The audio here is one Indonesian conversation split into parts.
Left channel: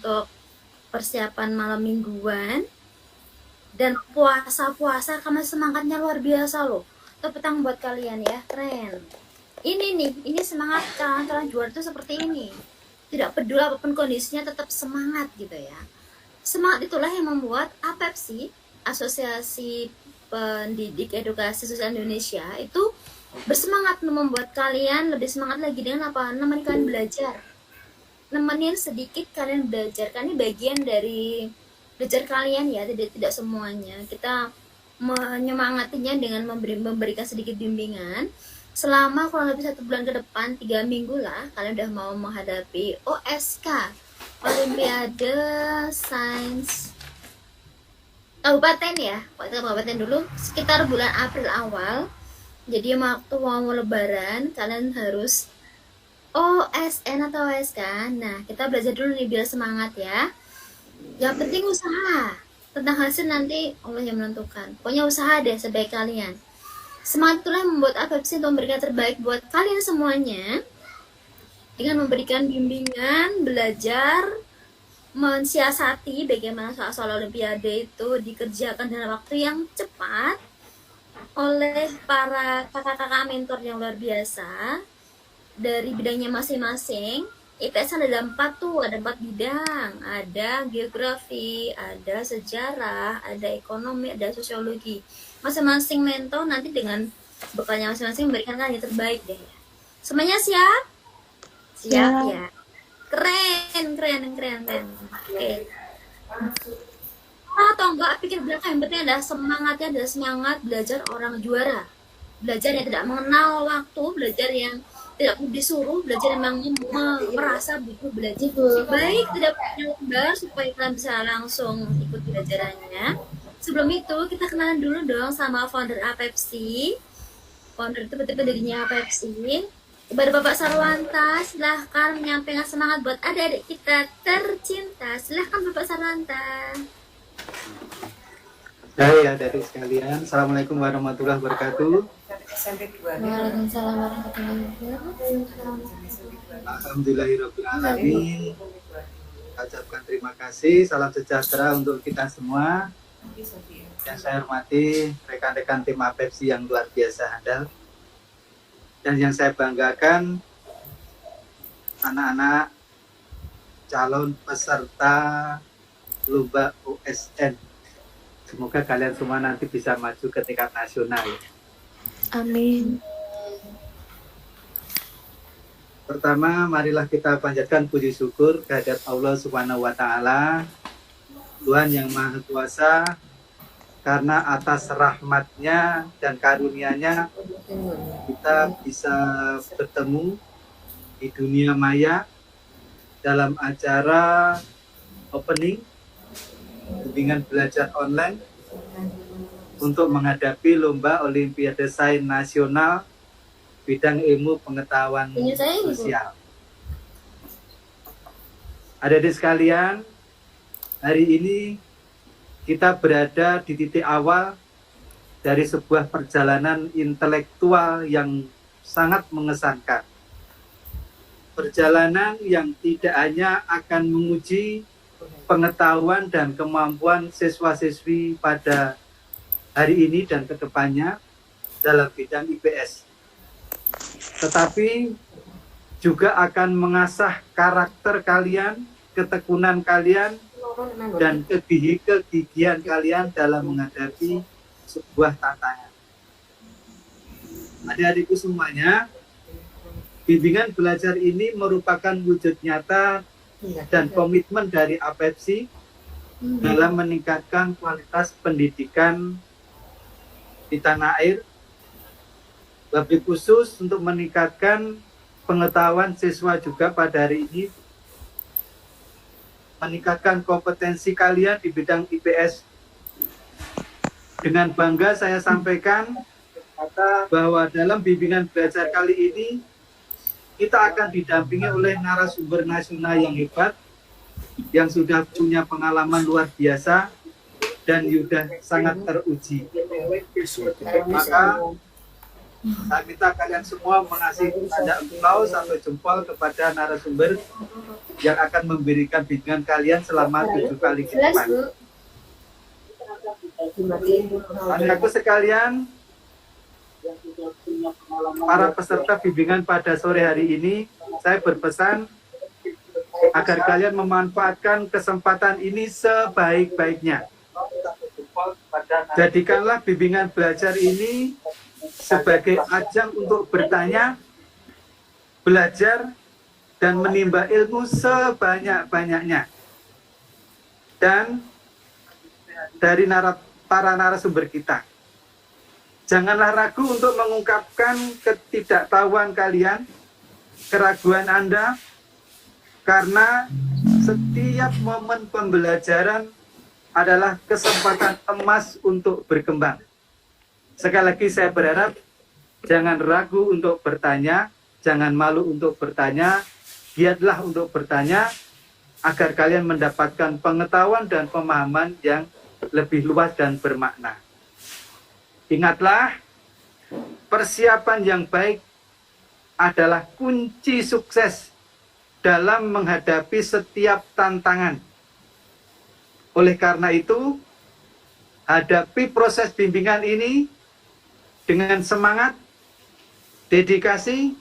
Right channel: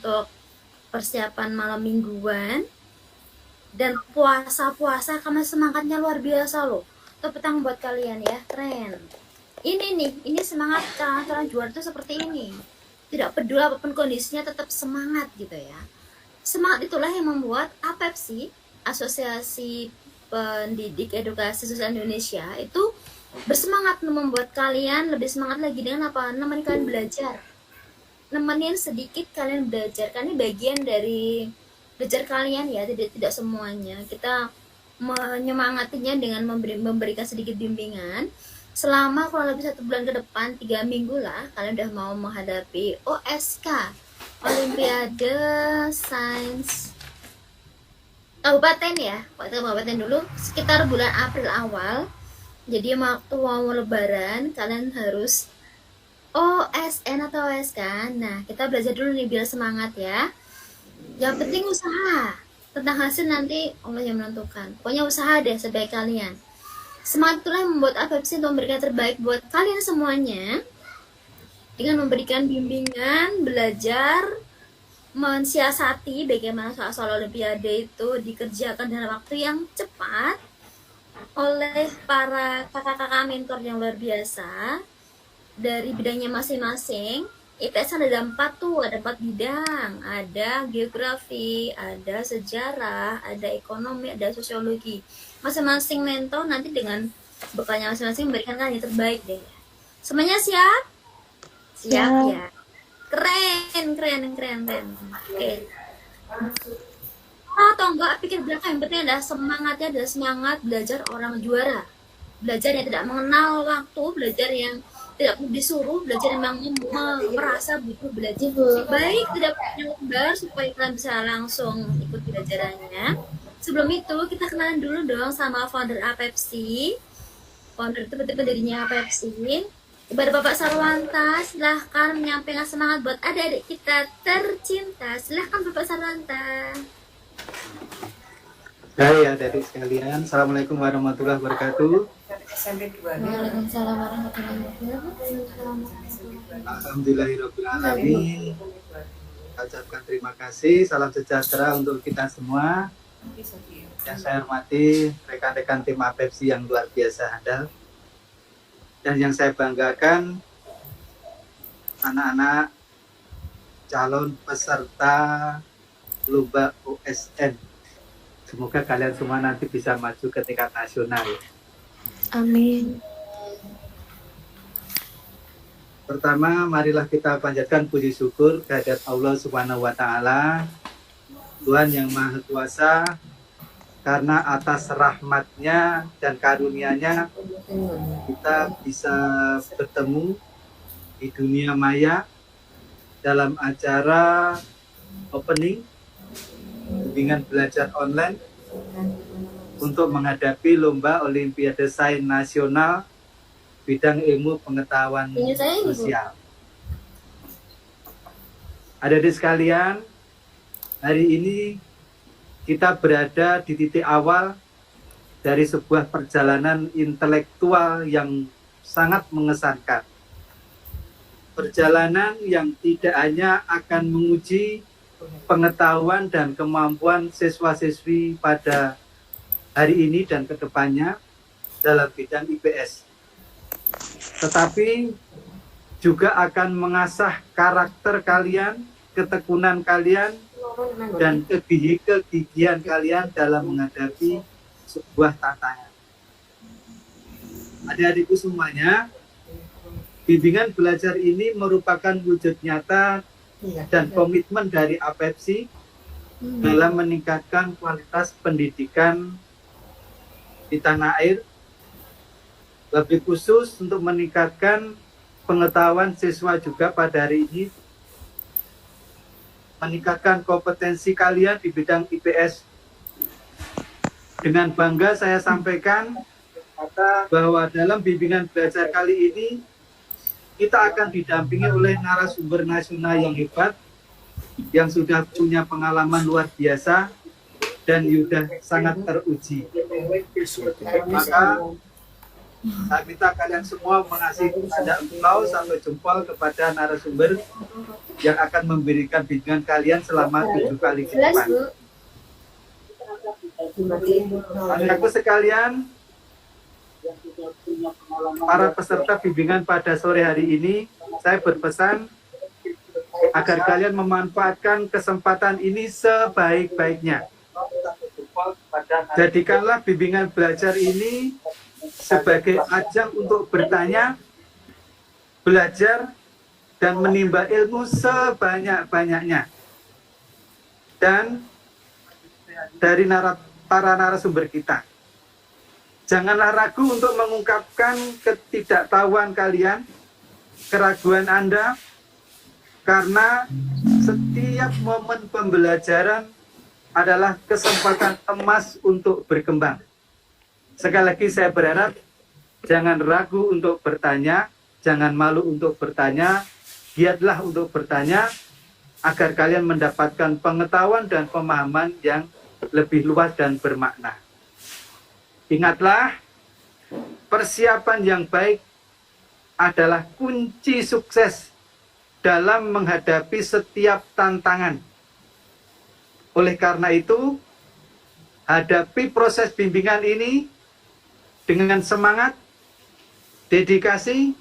untuk persiapan malam mingguan dan puasa-puasa karena semangatnya luar biasa loh. Tepuk tangan buat kalian ya, keren. Ini nih, ini semangat kalian juara tuh seperti ini. Tidak peduli apapun kondisinya tetap semangat gitu ya. Semangat itulah yang membuat APEPSI, Asosiasi Pendidik Edukasi Sosial Indonesia, itu bersemangat membuat kalian lebih semangat lagi dengan apa? Nemenin kalian belajar. Nemenin sedikit kalian belajar. Karena ini bagian dari belajar kalian ya, tidak semuanya. Kita menyemangatinya dengan memberikan sedikit bimbingan. Selama kurang lebih 1 bulan ke depan, 3 minggu lah, kalian udah mau menghadapi OSK, Olimpiade Sains Kabupaten ya, kabupaten dulu sekitar bulan April awal. Jadi waktu mau lebaran kalian harus OSN atau OSK. Nah, kita belajar dulu nih biar semangat ya. Yang penting usaha. Tentang hasil nanti Allah yang menentukan. Pokoknya usaha deh sebaik kalian. Semangat itulah yang membuat APEPSI untuk memberikan terbaik buat kalian semuanya. Dengan memberikan bimbingan, belajar, mensiasati bagaimana soal-soal Olimpiade itu dikerjakan dalam waktu yang cepat oleh para kakak-kakak mentor yang luar biasa dari bidangnya masing-masing. IPS ada 4 tuh, ada 4 bidang, ada geografi, ada sejarah, ada ekonomi, ada sosiologi. Masing-masing mentor nanti dengan bekalnya masing-masing memberikan yang terbaik deh. Semuanya siap? Siap ya. Keren. Oke. Atau enggak pikir belakang, yang penting ada semangatnya, ada semangat belajar orang juara. Belajar yang tidak mengenal waktu, belajar yang tidak perlu disuruh, belajar yang merasa butuh belajar. Baik, tidak perlu lembar supaya kalian bisa langsung ikut pelajarannya. Sebelum itu, kita kenalan dulu dong sama founder APEPSI. Founder itu betul dirinya APEPSI. Kepada Bapak Sarwanta, silahkan menyampaikan semangat buat adik-adik kita tercinta. Silahkan Bapak Sarwanta. Hai adik-adik sekalian, Assalamualaikum warahmatullahi wabarakatuh. Waalaikumsalam warahmatullahi wabarakatuh. Alhamdulillahirabbil alamin. Ucapkan terima kasih, salam sejahtera untuk kita semua. Yang saya hormati rekan-rekan tim APEPSI yang luar biasa handal. Dan yang saya banggakan anak-anak calon peserta lomba OSN. Semoga kalian semua nanti bisa maju ke tingkat nasional. Amin. Pertama, marilah kita panjatkan puji syukur kehadirat Allah Subhanahu wa Ta'ala, Tuhan yang Maha Kuasa, karena atas rahmatnya dan karunia-Nya kita bisa bertemu di dunia maya dalam acara opening bimbingan belajar online untuk menghadapi lomba Olimpiade Sains Nasional bidang ilmu pengetahuan sosial. Adik-adik sekalian, hari ini kita berada di titik awal dari sebuah perjalanan intelektual yang sangat mengesankan. Perjalanan yang tidak hanya akan menguji pengetahuan dan kemampuan siswa-siswi pada hari ini dan kedepannya dalam bidang IPS, tetapi juga akan mengasah karakter kalian, ketekunan kalian, dan kegigihan kalian dalam menghadapi sebuah tantangan. Adik-adikku semuanya, bimbingan belajar ini merupakan wujud nyata dan komitmen dari APEPSI dalam meningkatkan kualitas pendidikan di tanah air, lebih khusus untuk meningkatkan pengetahuan siswa juga pada hari ini, meningkatkan kompetensi kalian di bidang IPS. Dengan bangga saya sampaikan bahwa dalam bimbingan belajar kali ini kita akan didampingi oleh narasumber nasional yang hebat, yang sudah punya pengalaman luar biasa dan sudah sangat teruji. Maka Saya minta kalian semua mengasih tanda engkau sampai jempol kepada narasumber yang akan memberikan bimbingan kalian selama 7 kali ke Jelas, depan. Bu. Anak-anakku sekalian, para peserta bimbingan pada sore hari ini, saya berpesan agar kalian memanfaatkan kesempatan ini sebaik-baiknya. Jadikanlah bimbingan belajar ini sebagai ajang untuk bertanya, belajar, dan menimba ilmu sebanyak-banyaknya. Dan dari para narasumber kita, janganlah ragu untuk mengungkapkan ketidaktahuan kalian, keraguan Anda, karena setiap momen pembelajaran adalah kesempatan emas untuk berkembang. Sekali lagi saya berharap jangan ragu untuk bertanya, jangan malu untuk bertanya, giatlah untuk bertanya agar kalian mendapatkan pengetahuan dan pemahaman yang lebih luas dan bermakna. Ingatlah, persiapan yang baik adalah kunci sukses dalam menghadapi setiap tantangan. Oleh karena itu, hadapi proses bimbingan ini dengan semangat, dedikasi,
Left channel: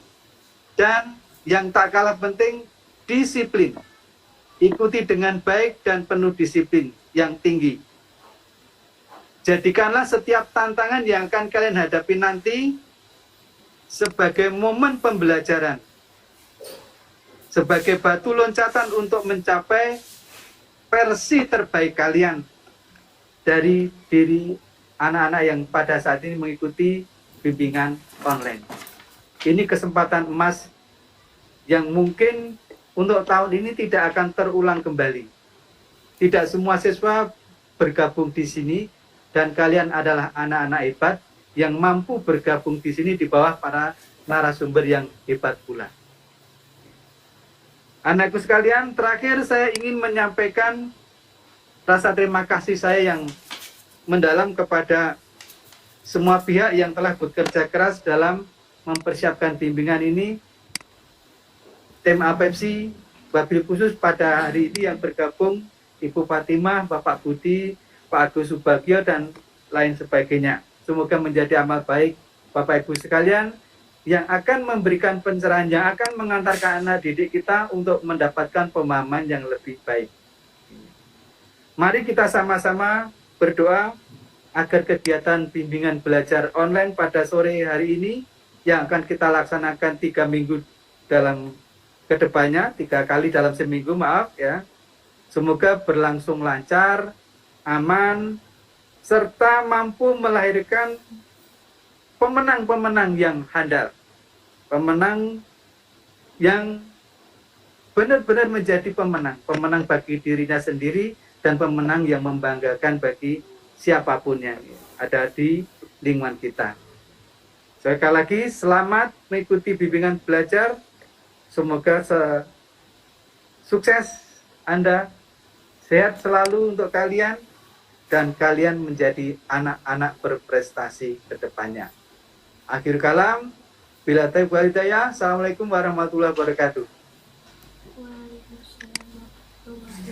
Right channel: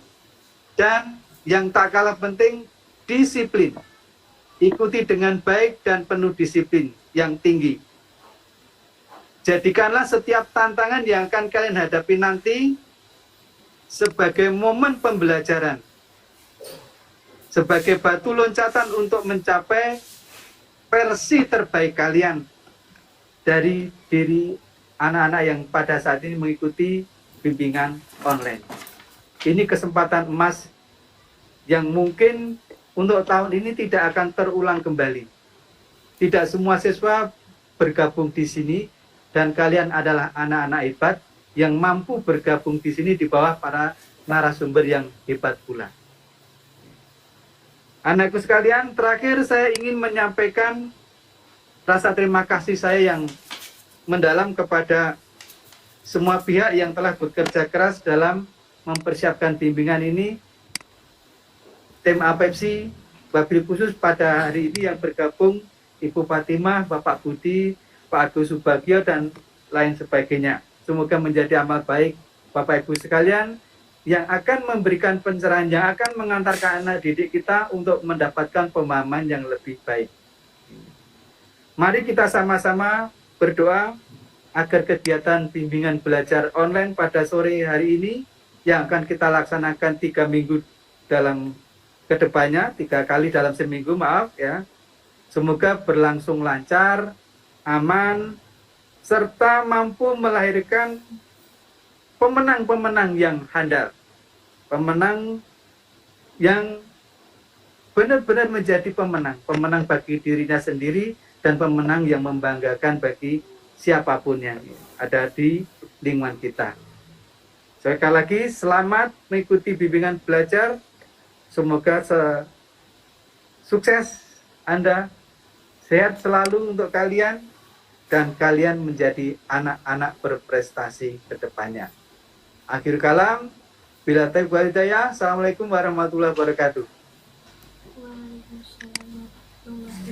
dan yang tak kalah penting, disiplin. Ikuti dengan baik dan penuh disiplin yang tinggi. Jadikanlah setiap tantangan yang akan kalian hadapi nanti sebagai momen pembelajaran, sebagai batu loncatan untuk mencapai versi terbaik kalian dari diri anak-anak yang pada saat ini mengikuti bimbingan online. Ini kesempatan emas yang mungkin untuk tahun ini tidak akan terulang kembali. Tidak semua siswa bergabung di sini, dan kalian adalah anak-anak hebat yang mampu bergabung di sini di bawah para narasumber yang hebat pula. Anakku sekalian, terakhir saya ingin menyampaikan rasa terima kasih saya yang mendalam kepada semua pihak yang telah bekerja keras dalam mempersiapkan bimbingan ini. Tim APEPSI, wabil khusus pada hari ini yang bergabung, Ibu Fatimah, Bapak Budi, Pak Agus Subagio, dan lain sebagainya. Semoga menjadi amal baik Bapak Ibu sekalian yang akan memberikan pencerahan, yang akan mengantarkan anak didik kita untuk mendapatkan pemahaman yang lebih baik. Mari kita sama-sama berdoa agar kegiatan bimbingan belajar online pada sore hari ini yang akan kita laksanakan 3 minggu dalam kedepannya, 3 kali dalam seminggu, maaf ya. Semoga berlangsung lancar, aman, serta mampu melahirkan pemenang-pemenang yang handal. Pemenang yang benar-benar menjadi pemenang. Pemenang bagi dirinya sendiri dan pemenang yang membanggakan bagi siapapun yang ada di lingkungan kita. Sekali lagi, selamat mengikuti bimbingan belajar. Semoga sukses Anda, sehat selalu untuk kalian, dan kalian menjadi anak-anak berprestasi ke depannya. Akhir kalam, bila taufiq wal hidayah. Assalamualaikum warahmatullahi wabarakatuh.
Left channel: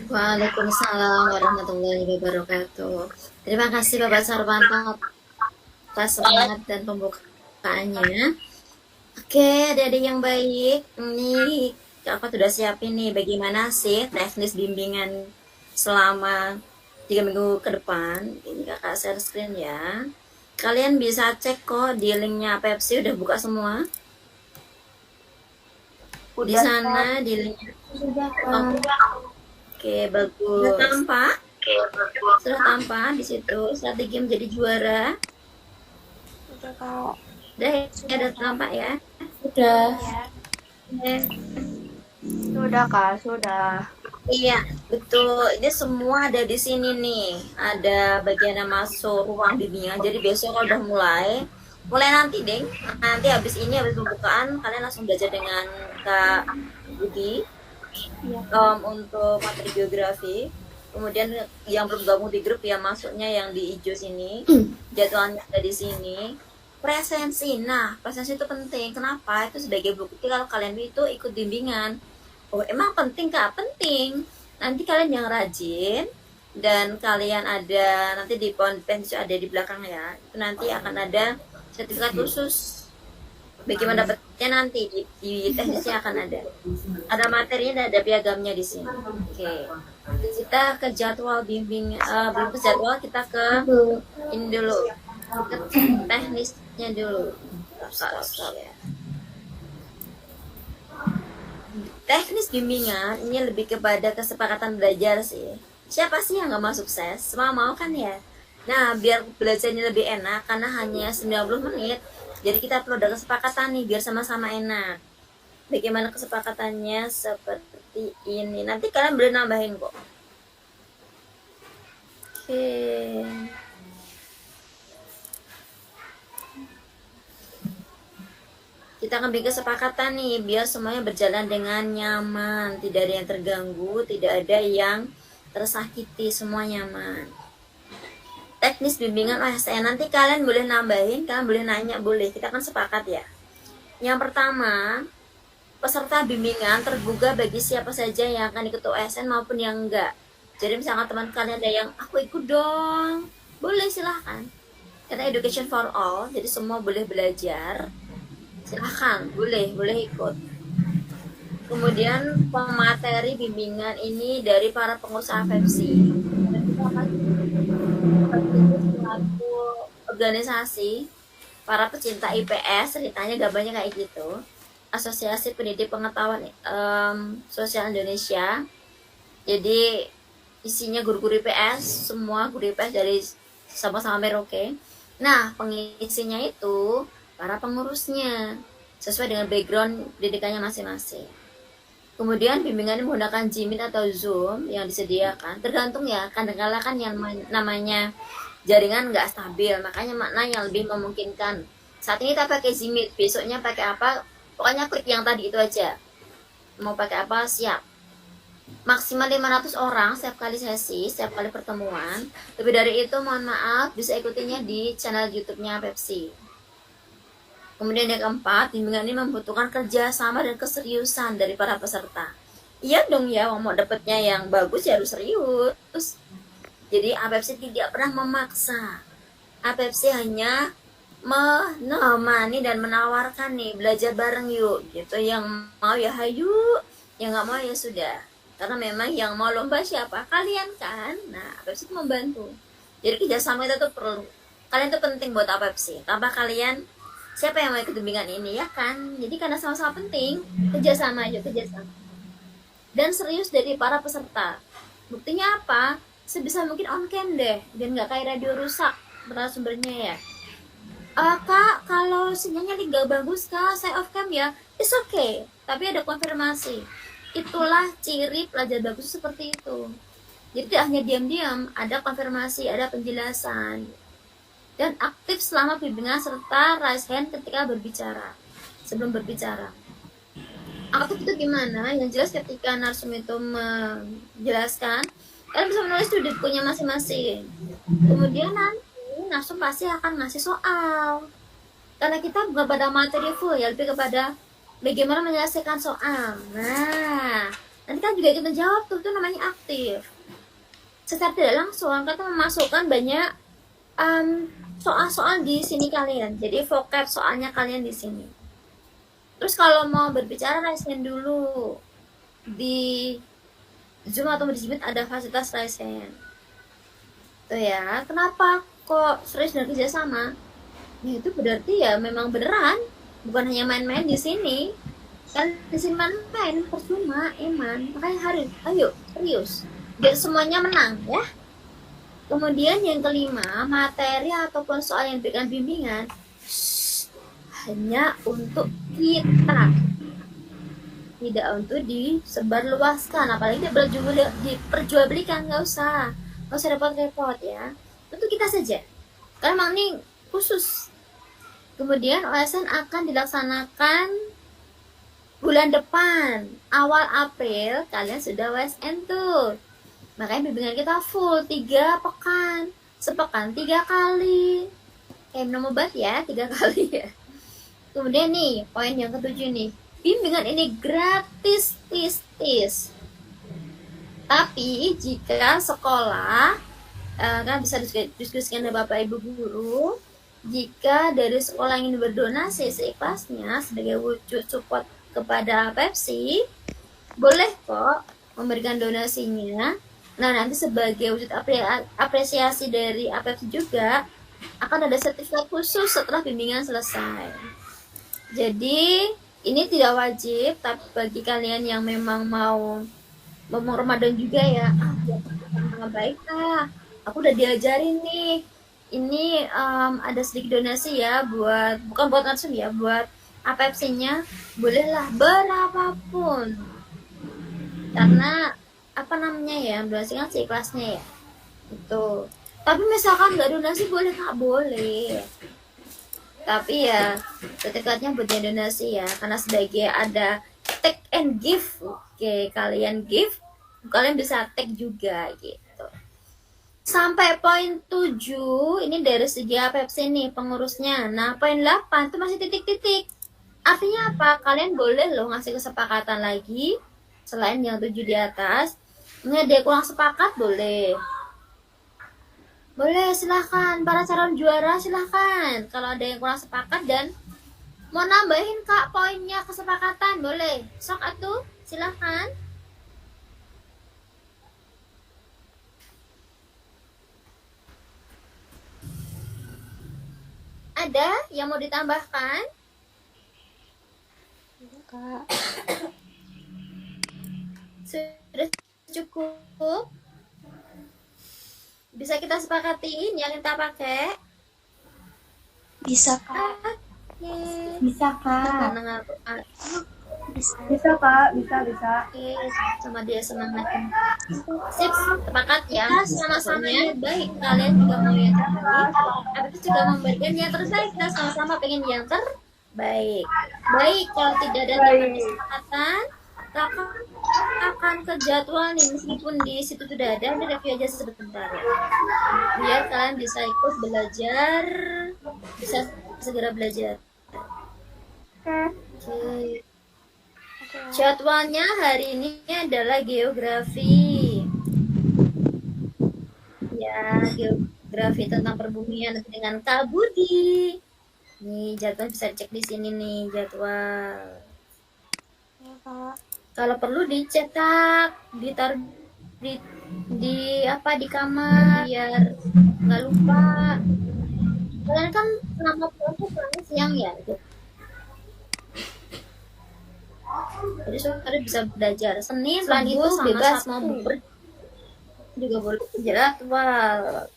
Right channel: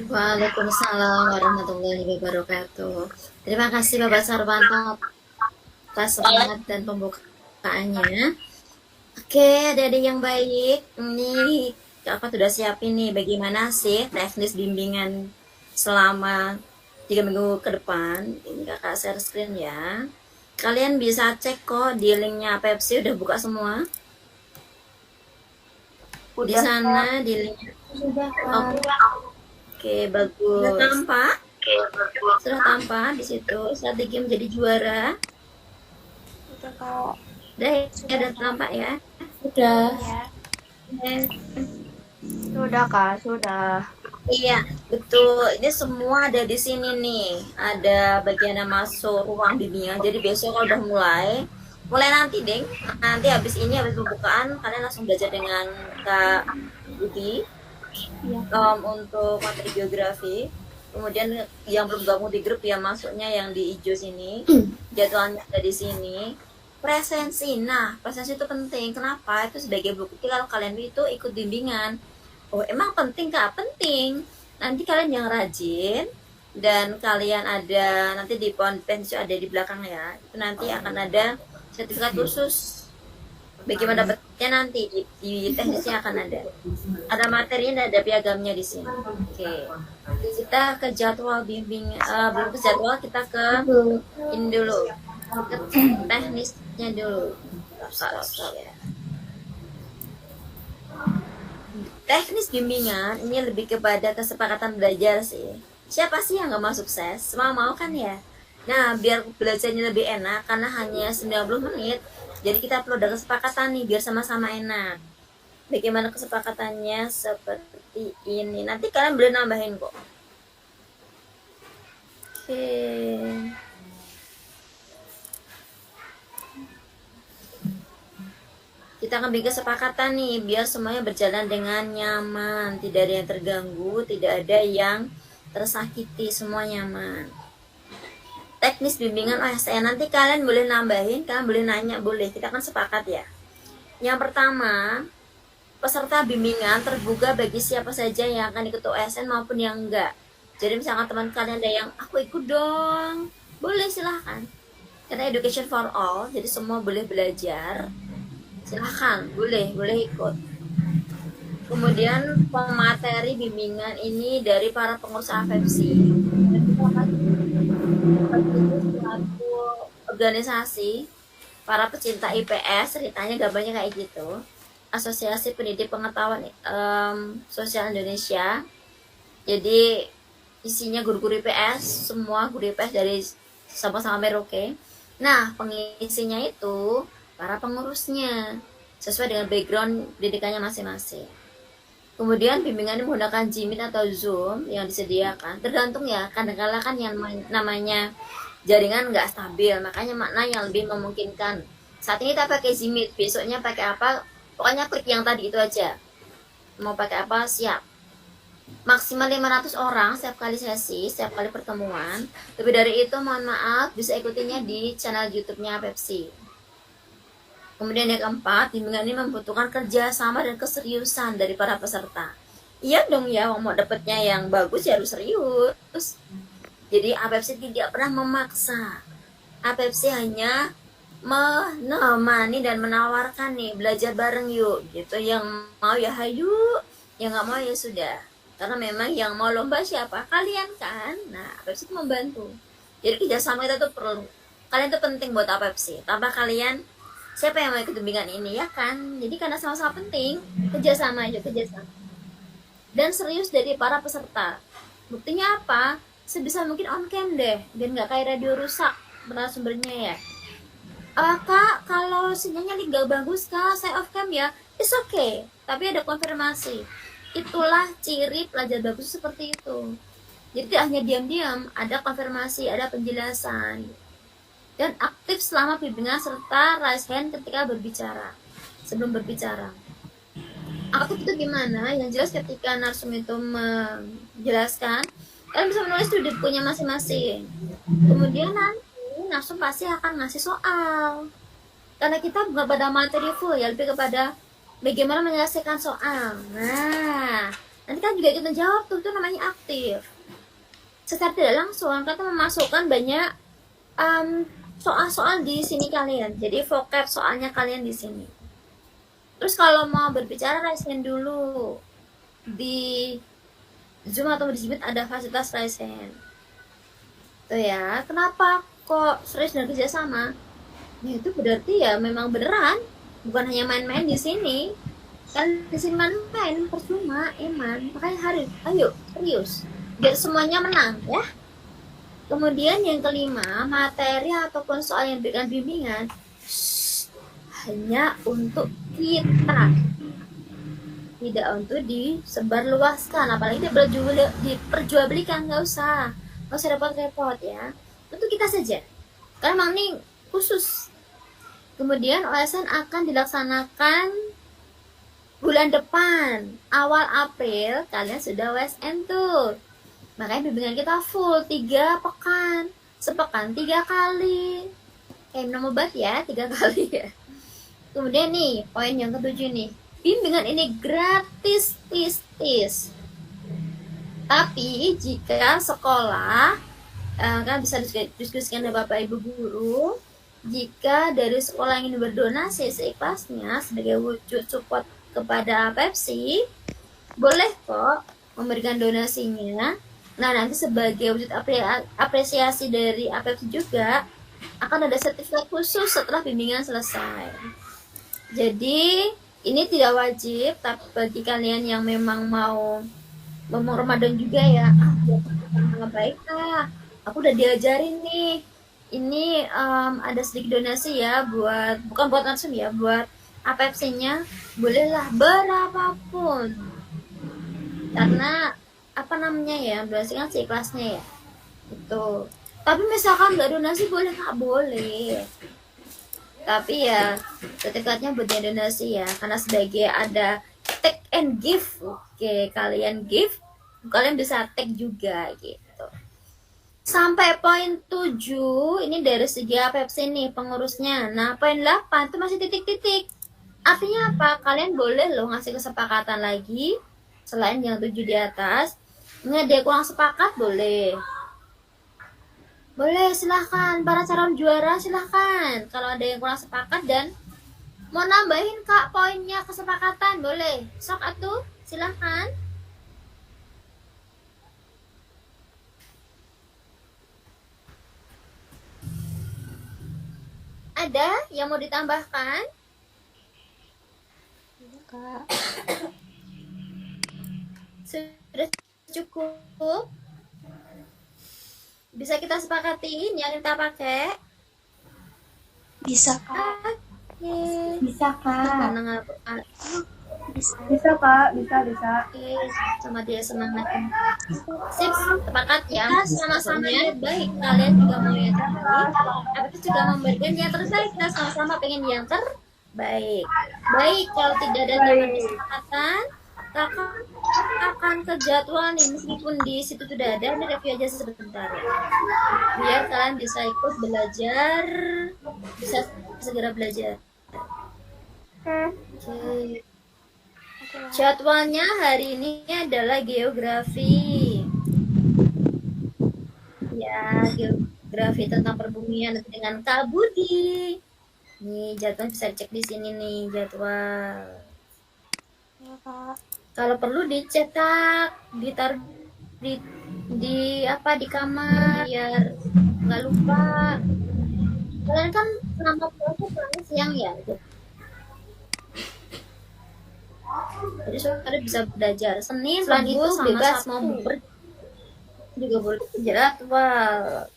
Waalaikumsalam warahmatullahi wabarakatuh. Terima kasih Bapak Sarwanto atas semangat dan pembukaannya. Oke, adik-adik yang baik, ini Kakak sudah siapin nih bagaimana sih teknis bimbingan selama 3 minggu ke depan. Ini Kakak share screen ya. Kalian bisa cek kok di linknya Pepsi udah buka semua. Di sana di linknya. Oke, bagus. Sudah tampak di situ. Strategi menjadi juara. Udah ya, udah tampak ya. Sudah. Oke. Sudah, Kak, sudah. Iya, betul. Ini semua ada di sini nih. Ada bagian yang masuk ruang bimbingan. Jadi besok kalau udah mulai nanti, Deng. Nanti habis ini, habis pembukaan, kalian langsung belajar dengan Kak Budi untuk materi biografi. Kemudian yang belum gabung di grup ya masuknya yang di hijau sini. Jadwalnya ada di sini. presensi. Nah, presensi itu penting. Kenapa? Itu sebagai bukti kalau kalian itu ikut bimbingan. Oh, emang penting kak? Penting. Nanti kalian yang rajin dan kalian ada nanti di pensi ada di belakang ya. Itu nanti akan ada sertifikat khusus. Bagaimana dapatnya nanti di teknisnya akan ada materinya, ada piagamnya di sini. Oke, kita ke jadwal bimbing, belum ke jadwal, kita ke ini dulu, ke teknisnya dulu. Stop, ya. Teknis bimbingan ini lebih kepada kesepakatan belajar sih. Siapa sih yang gak mau sukses? Semua mau kan ya? Nah, biar belajarnya lebih enak karena hanya 90 menit. Jadi kita perlu ada kesepakatan nih biar sama-sama enak. Bagaimana kesepakatannya? Seperti ini. Nanti kalian boleh nambahin kok. Oke. Kita akan bikin kesepakatan nih biar semuanya berjalan dengan nyaman, tidak ada yang terganggu, tidak ada yang tersakiti, semua nyaman. Teknis bimbingan OSN, nanti kalian boleh nambahin, kalian boleh nanya, boleh, kita kan sepakat ya. Yang pertama, peserta bimbingan terbuka bagi siapa saja yang akan ikut OSN maupun yang enggak. Jadi misalkan teman kalian ada yang aku ikut dong, boleh silahkan. Karena education for all, jadi semua boleh belajar. Silahkan, boleh ikut. Kemudian pemateri bimbingan ini dari para pengurus AFFC. Selaku organisasi para pecinta IPS, ceritanya gambarnya kayak gitu. Asosiasi Pendidik Pengetahuan Sosial Indonesia. Jadi isinya guru-guru IPS, semua guru IPS dari sama-sama Merauke. Nah, pengisinya itu para pengurusnya sesuai dengan background pendidikannya masing-masing. Kemudian bimbingannya menggunakan Jimit atau Zoom yang disediakan, tergantung ya, kadang-kadang kan yang namanya jaringan nggak stabil, makanya makna yang lebih memungkinkan. Saat ini kita pakai Jimit, besoknya pakai apa, pokoknya klik yang tadi itu aja. Mau pakai apa, siap. Maksimal 500 orang setiap kali sesi, setiap kali pertemuan. Lebih dari itu mohon maaf, bisa ikutinya di channel YouTube-nya Pepsi. Kemudian yang keempat, bimbingan ini membutuhkan kerjasama dan keseriusan dari para peserta. Iya dong ya, mau dapetnya yang bagus ya harus serius. Jadi APEPSI tidak pernah memaksa. APEPSI hanya menemani dan menawarkan nih, belajar bareng yuk. Gitu, yang mau ya hayu, yang nggak mau ya sudah. Karena memang yang mau lomba siapa? Kalian kan. Nah, APEPSI itu membantu. Jadi kerjasama kita tuh perlu. Kalian tuh penting buat APEPSI. Tanpa kalian, siapa yang mau ikut bimbingan ini ya kan? Jadi karena sama-sama penting, kerjasama aja, kerjasama. Dan serius dari para peserta. Buktinya apa? Sebisa mungkin on cam deh, dan nggak kayak radio rusak sumbernya ya. Kak, kalau sinyalnya nggak bagus kak, saya off cam ya. It's okay, tapi ada konfirmasi. Itulah ciri pelajar bagus seperti itu. Jadi tidak hanya diam-diam, ada konfirmasi, ada penjelasan. Dan aktif selama bimbingan serta raise hand ketika berbicara, sebelum berbicara. Aktif itu gimana? Yang jelas ketika narsum itu menjelaskan, kalian bisa menulis di bukunya masing-masing. Kemudian nanti narsum pasti akan ngasih soal. Karena kita bukan pada materi full ya, lebih kepada bagaimana menyelesaikan soal. Nah, nanti kan juga kita jawab tuh, itu namanya aktif. Secara tidak langsung kita memasukkan banyak soal-soal di sini kalian. Jadi vocab soalnya kalian di sini. Terus kalau mau berbicara raise hand dulu. Di Zoom atau di Jimit ada fasilitas raise hand. Tuh ya, kenapa kok serius dan kerjasama? Ya itu berarti ya memang beneran, bukan hanya main-main di sini. Kan di sini main-main percuma, Iman. Makanya ayo serius. Biar semuanya menang ya. Kemudian yang kelima, materi ataupun soal yang diberikan bimbingan hanya untuk kita, tidak untuk disebarluaskan, apalagi diperjualbelikan, nggak usah repot-repot ya, untuk kita saja, karena memang ini khusus. Kemudian OSN akan dilaksanakan bulan depan, awal April kalian sudah OSN tuh. Makanya bimbingan kita full 3 pekan, sepekan 3 kali. kayak minum obat ya, 3 kali ya. Kemudian nih, poin yang ketujuh nih, bimbingan ini gratis, tis. Tapi jika sekolah kan bisa diskusikan dengan Bapak Ibu guru, jika dari sekolah ingin berdonasi seikhlasnya sebagai wujud support kepada Pepsi, boleh kok memberikan donasinya. Nah, nanti sebagai wujud apresiasi dari Pepsi juga akan ada sertifikat khusus setelah bimbingan selesai. Jadi ini tidak wajib, tapi bagi kalian yang memang mau Ramadan juga ya, baik aku udah diajarin nih, ini ada sedikit donasi ya, bukan buat langsung ya, buat APFC-nya, bolehlah berapapun, karena ya, donasi kan seikhlasnya ya, itu. Tapi misalkan nggak donasi boleh nggak boleh, tapi ya sertifikatnya buat yang donasi ya, karena sebagai ada take and give. Oke, kalian give, kalian bisa take juga gitu. Sampai poin 7 ini dari segi APFC nih pengurusnya. Nah, poin 8 itu masih titik-titik. Artinya apa? Kalian boleh loh ngasih kesepakatan lagi selain yang 7 di atas. Ini ada yang kurang sepakat, boleh, silahkan. Para calon juara silahkan. Kalau ada yang kurang sepakat dan mau nambahin kak poinnya kesepakatan, boleh. Sok atuh, silahkan. Ada yang mau ditambahkan? Kak. Sudah cukup? Bisa kita sepakatiin yang kita pakai? Bisa, Kak. Oke. Bisa, Kak. Bisa Kak, bisa. Oke, sama dia semangat. Sip, sepakat ya. Sama-sama niat baik. Kalian juga mau yang terbaik. Aku juga memberikan yang terbaik. Kita sama-sama pengen yang terbaik. Baik, kalau tidak ada tambahan kesepakatan, kakak akan ke jadwal nih, meskipun di situ sudah ada, ini review aja sebentar ya. Biar kalian bisa ikut belajar, bisa segera belajar. Oke. Jadwalnya hari ini adalah geografi. Ya, geografi tentang perbumian dengan Kak Budi. Nih, jadwal bisa cek di sini nih, jadwal. Ya, Kak. Kalau perlu dicetak, ditaruh di kamar biar nggak lupa. Kalian kan nama pulang siang ya, jadi sore bisa belajar. Senin, selain itu bebas mau juga boleh jadwal.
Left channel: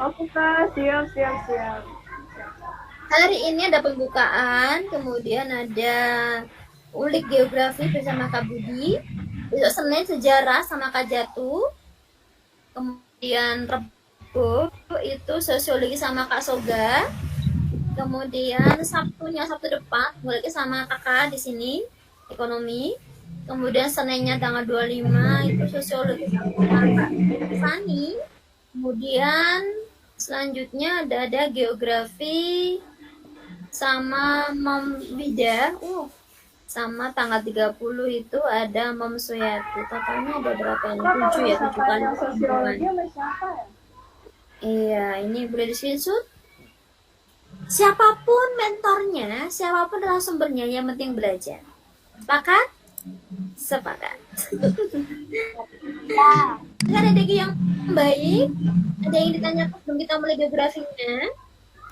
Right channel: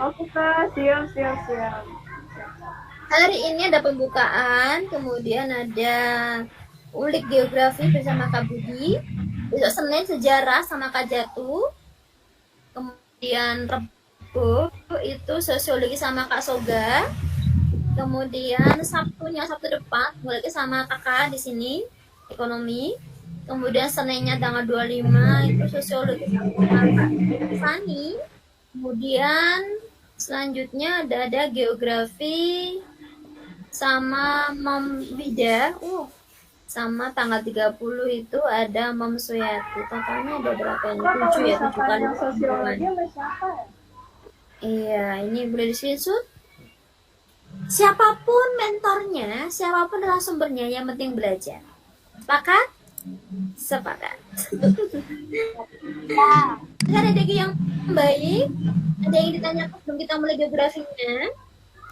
Oke Kak, siap. Hari ini ada pembukaan, kemudian ada ulik geografi bersama Kak Budi. Besok Senin sejarah sama Kak Jatuh. Kemudian Rabu itu sosiologi sama Kak Soga. Kemudian Sabtu depan mulai sama kakak di sini ekonomi. Kemudian Seninnya tanggal 25 itu sosiologi sama Kak Fani. Kemudian selanjutnya ada geografi sama Mom Bida. Sama tanggal 30 itu ada Mom Suyati. Totalnya ada berapa ini? 7 ya, 7 kali. Sosiologi sama siapa ya? Iya, ini boleh di screenshot. Siapapun mentornya, siapapun narasumbernya, yang penting belajar. Sepakat? Sepakat. Kan ada yang baik? Ada yang ditanyakan sebelum kita mulai geografinya?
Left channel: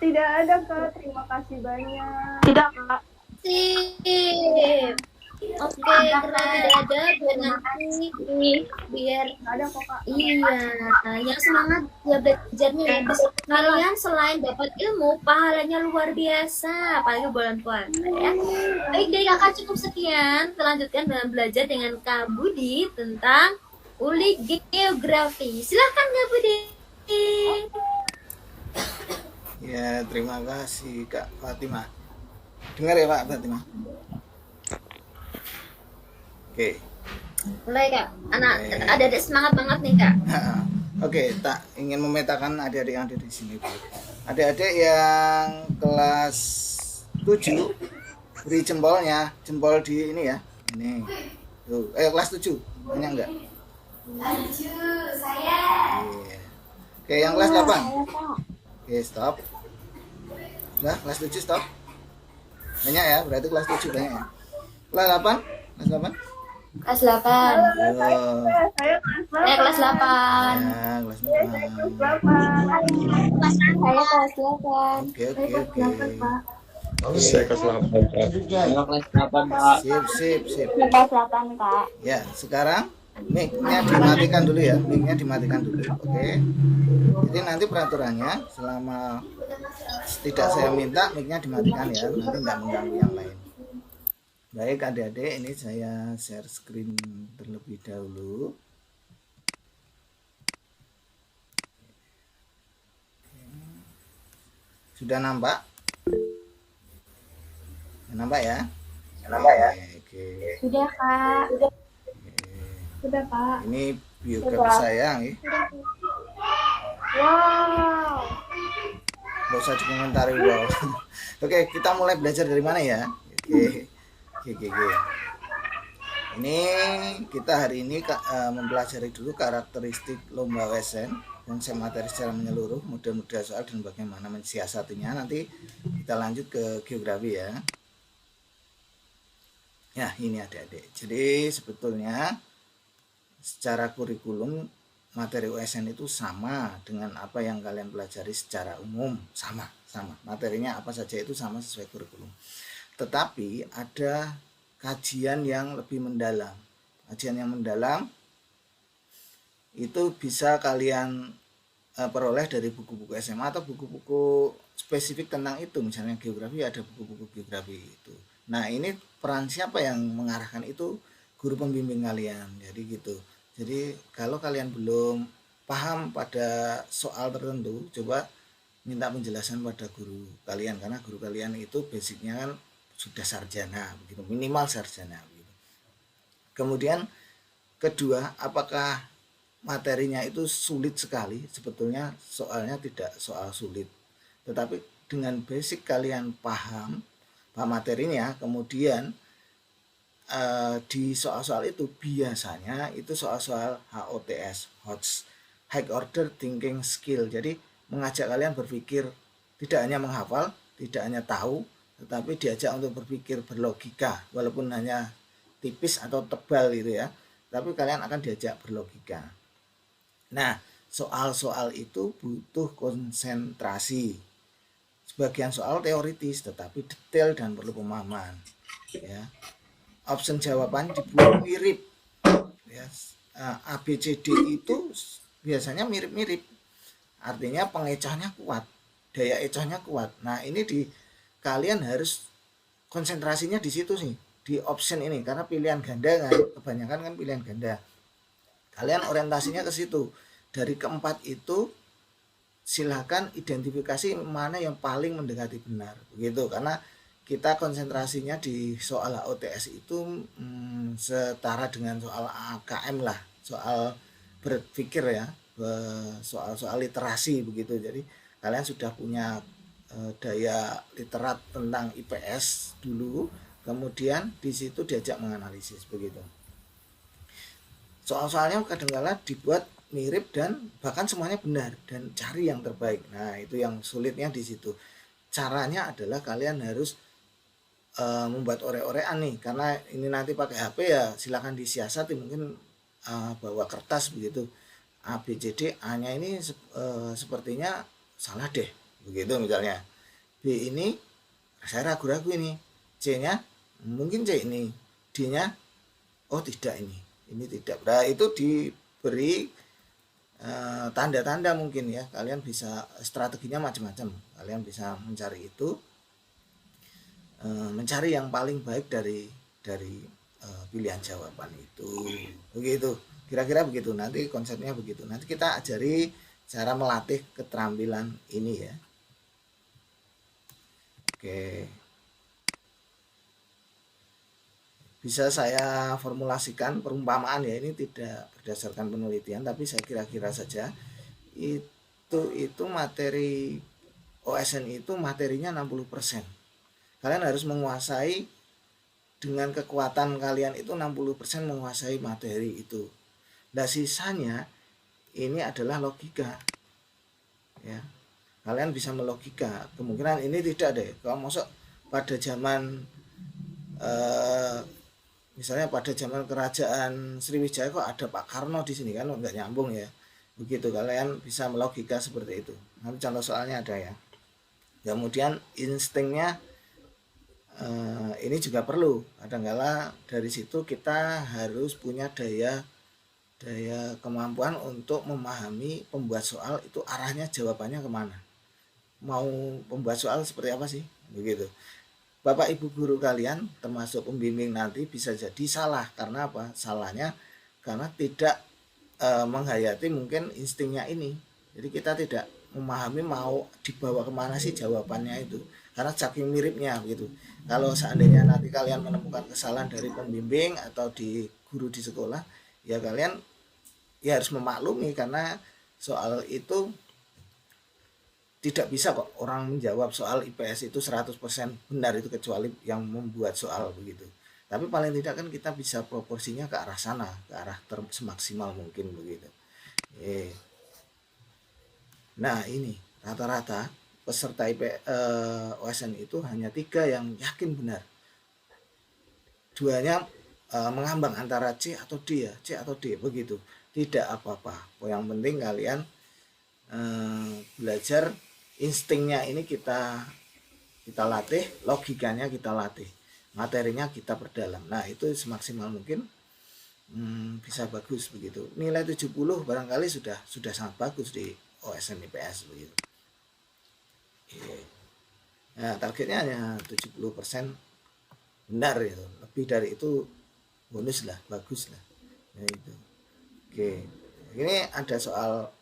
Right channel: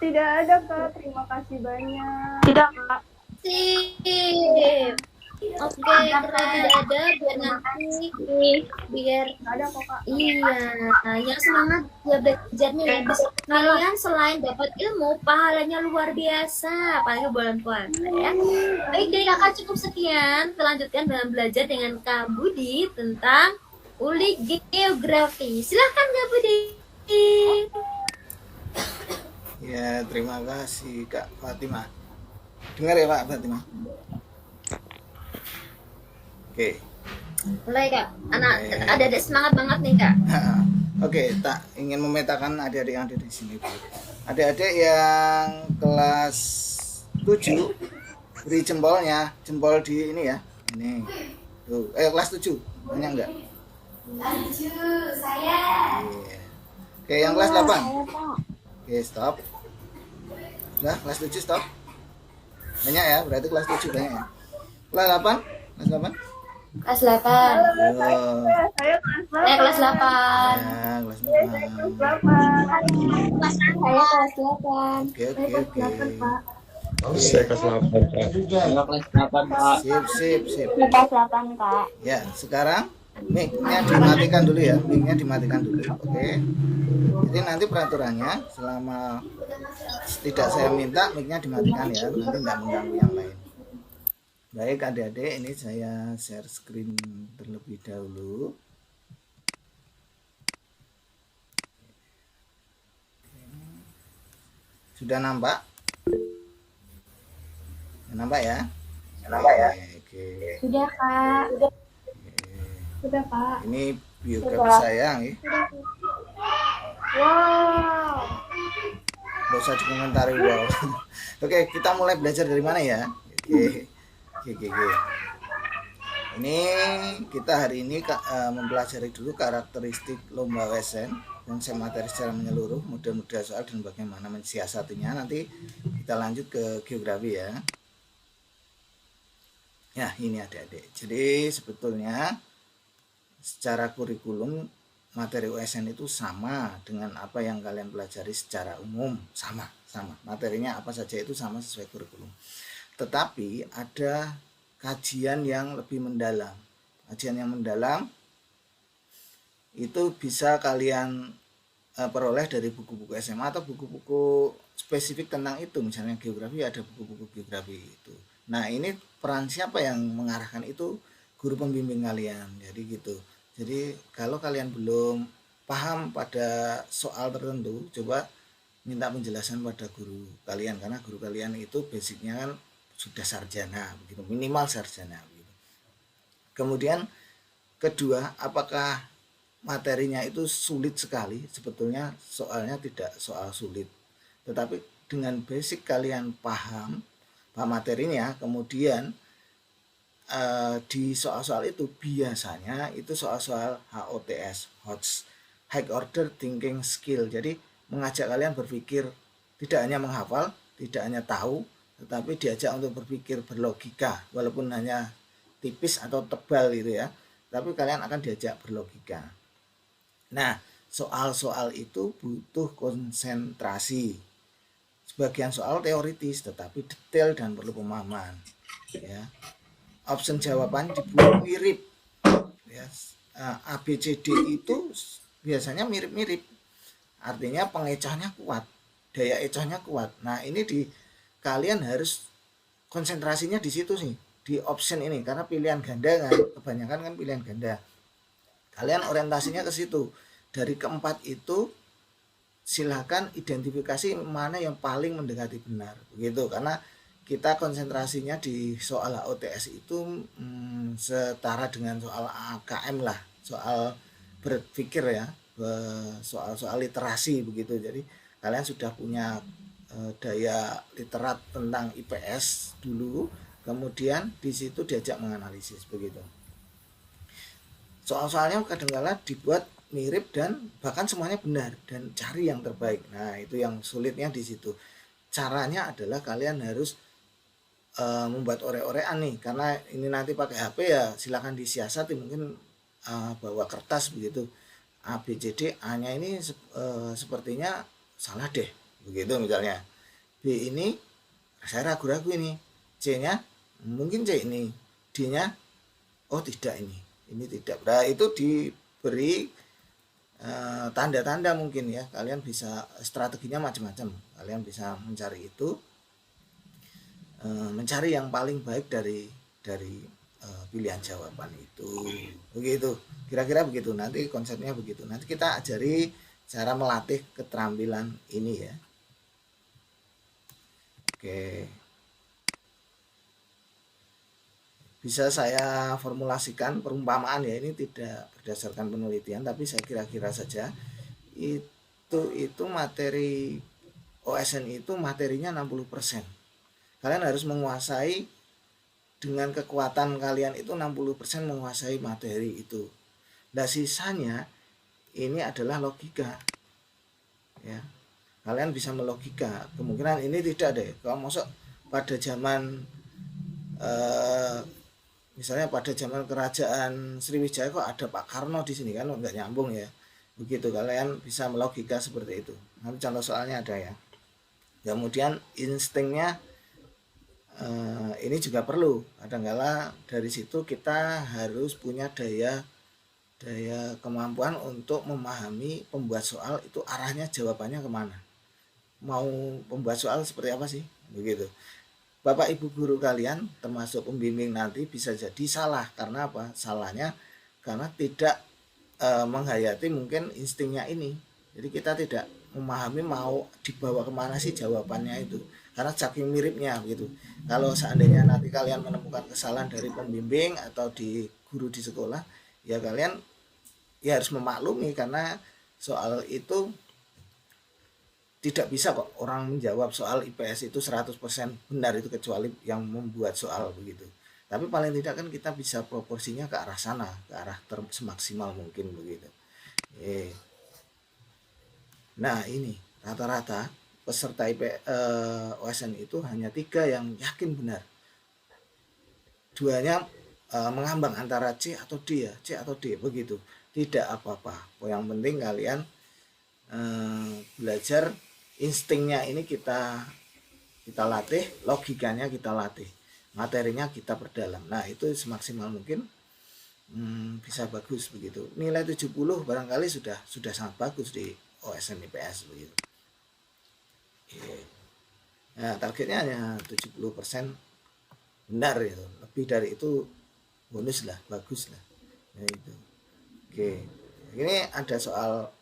Tidak ada Kak, terima kasih banyak. Tidak, Kak. Sip. Oke, kalau tidak ada biar nanti biar Ada kok Kak. iya, yang semangat ya belajarnya ya. Kalian selain dapat ilmu, pahalanya luar biasa, apalagi bulan puasa ya. Baik dari kakak cukup sekian. Kita lanjutkan dengan belajar dengan Kak Budi tentang ulik geografi. Silahkan Kak Budi. Ya, terima kasih Kak Fatimah. Dengar ya Pak Fatimah. Oke. Mulai Kak. Anak Oke. ada semangat banget nih Kak. Oke, tak ingin memetakan adik-adik yang ada di sini. Bu. Adik-adik yang kelas 7 beri jempolnya, jempol di ini ya. Ini. Tuh, kelas 7. Banyak enggak? 7, saya. Iya. Oke, yang kelas 8. Oke, stop. Udah, kelas 7 stop. Banyak ya, berarti kelas 7 banyak ya. Kelas 8? Kelas 8? Kelas 8. Oh. Saya kelas 8. Kelas 8. Ya, kelas 8. Saya kelas 8. Oke, oke, oke. Saya kelas 8, Pak. Saya kelas 8, Pak. Sip, sip, sip. Kelas 8, Kak. Ya, sekarang mic-nya dimatikan dulu ya. Mic-nya dimatikan dulu. Oke. Jadi nanti peraturannya selama tidak saya minta mic-nya dimatikan ya. Nanti tidak mengganggu yang lain. Baik adik-adik, ini saya share screen terlebih dahulu. Sudah nampak? Nampak ya? Nampak ya? Oke. Sudah, Kak. Sudah, Kak. Ini biografi saya nih. Wow. Gak usah dikomentari wow. Oke, kita mulai belajar dari mana ya? Oke. Oke. Ini kita hari ini mempelajari dulu karakteristik lomba WSN, konsep materi secara menyeluruh, model-model soal dan bagaimana mensiasatinya. Nanti kita lanjut ke geografi ya. Ya, ini adik-adik. Jadi sebetulnya secara kurikulum materi USN itu sama dengan apa yang kalian pelajari secara umum, sama. Materinya apa saja itu sama sesuai kurikulum. Tetapi ada kajian yang lebih mendalam. Kajian yang mendalam itu bisa kalian peroleh dari buku-buku SMA atau buku-buku spesifik tentang itu. Misalnya geografi, ada buku-buku geografi itu. Nah, ini peran siapa yang mengarahkan itu? Guru pembimbing kalian. Jadi gitu. Jadi kalau kalian belum paham pada soal tertentu, coba minta penjelasan pada guru kalian, karena guru kalian itu basicnya kan sudah sarjana begitu, minimal sarjana begitu. Kemudian kedua, apakah materinya itu sulit sekali? Sebetulnya soalnya tidak soal sulit, tetapi dengan basic kalian paham materinya, kemudian di soal-soal itu biasanya itu soal-soal HOTS, High Order Thinking Skill. Jadi mengajak kalian berpikir, tidak hanya menghafal, tidak hanya tahu, tetapi diajak untuk berpikir berlogika, walaupun hanya tipis atau tebal gitu ya, tapi kalian akan diajak berlogika. Nah, soal-soal itu butuh konsentrasi. Sebagian soal teoritis tetapi detail dan perlu pemahaman ya. Option jawaban dibuat mirip ya. ABCD itu biasanya mirip-mirip, artinya pengecohnya kuat, daya ecohnya kuat. Nah, ini kalian harus konsentrasinya di situ sih, di option ini, karena pilihan ganda kan, kebanyakan kan pilihan ganda. Kalian orientasinya ke situ. Dari keempat itu silakan identifikasi mana yang paling mendekati benar begitu, karena kita konsentrasinya di soal HOTS itu setara dengan soal AKM lah, soal berpikir ya, soal literasi begitu. Jadi kalian sudah punya daya literat tentang IPS dulu, kemudian di situ diajak menganalisis begitu. Soal-soalnya kadang-kala dibuat mirip dan bahkan semuanya benar, dan cari yang terbaik. Nah, itu yang sulitnya di situ. Caranya adalah kalian harus membuat ore-orean nih, karena ini nanti pakai HP ya, silakan disiasati, mungkin bawa kertas begitu. A B C D, A-nya ini sepertinya salah deh begitu misalnya. B ini saya ragu-ragu ini. C-nya mungkin C ini. D-nya oh tidak, ini tidak. Nah, itu diberi tanda-tanda mungkin ya, kalian bisa strateginya macam-macam, kalian bisa mencari itu, mencari yang paling baik dari pilihan jawaban itu begitu, kira-kira begitu. Nanti konsepnya begitu, nanti kita ajari cara melatih keterampilan ini ya. Oke, bisa saya formulasikan perumpamaan ya, ini tidak berdasarkan penelitian tapi saya kira-kira saja. Itu materi OSN itu materinya 60%. Kalian harus menguasai, dengan kekuatan kalian itu 60% menguasai materi itu. Nah sisanya ini adalah logika ya, kalian bisa melogika. Kemungkinan ini tidak deh, kalau masuk pada zaman misalnya pada zaman kerajaan Sriwijaya kok ada Pak Karno di sini, kan nggak nyambung ya. Begitu, kalian bisa melogika seperti itu. Nanti contoh soalnya ada ya. Kemudian instingnya ini juga perlu. Kadang-kala dari situ kita harus punya daya kemampuan untuk memahami pembuat soal itu arahnya jawabannya kemana, mau pembuat soal seperti apa sih, begitu. Bapak Ibu guru kalian termasuk pembimbing nanti bisa jadi salah. Karena apa? Salahnya karena tidak menghayati mungkin instingnya ini. Jadi kita tidak memahami mau dibawa kemana sih jawabannya itu, karena saking miripnya gitu. Kalau seandainya nanti kalian menemukan kesalahan dari pembimbing atau di guru di sekolah, ya kalian ya harus memaklumi, karena soal itu tidak bisa kok orang menjawab soal IPS itu 100% benar itu, kecuali yang membuat soal begitu. Tapi paling tidak kan kita bisa proporsinya ke arah sana, ke arah semaksimal mungkin begitu. Nah ini rata-rata peserta OSN itu hanya 3 yang yakin benar. 2-nya mengambang antara C atau D ya, C atau D begitu. Tidak apa-apa. Yang penting kalian belajar instingnya ini kita latih, logikanya kita latih, materinya kita perdalam. Nah itu semaksimal mungkin bisa bagus begitu. Nilai 70 barangkali sudah sangat bagus di OSN IPS begitu. Nah targetnya hanya 70% benar itu. Lebih dari itu bonus lah, bagus lah. Ya, itu. Oke, ini ada soal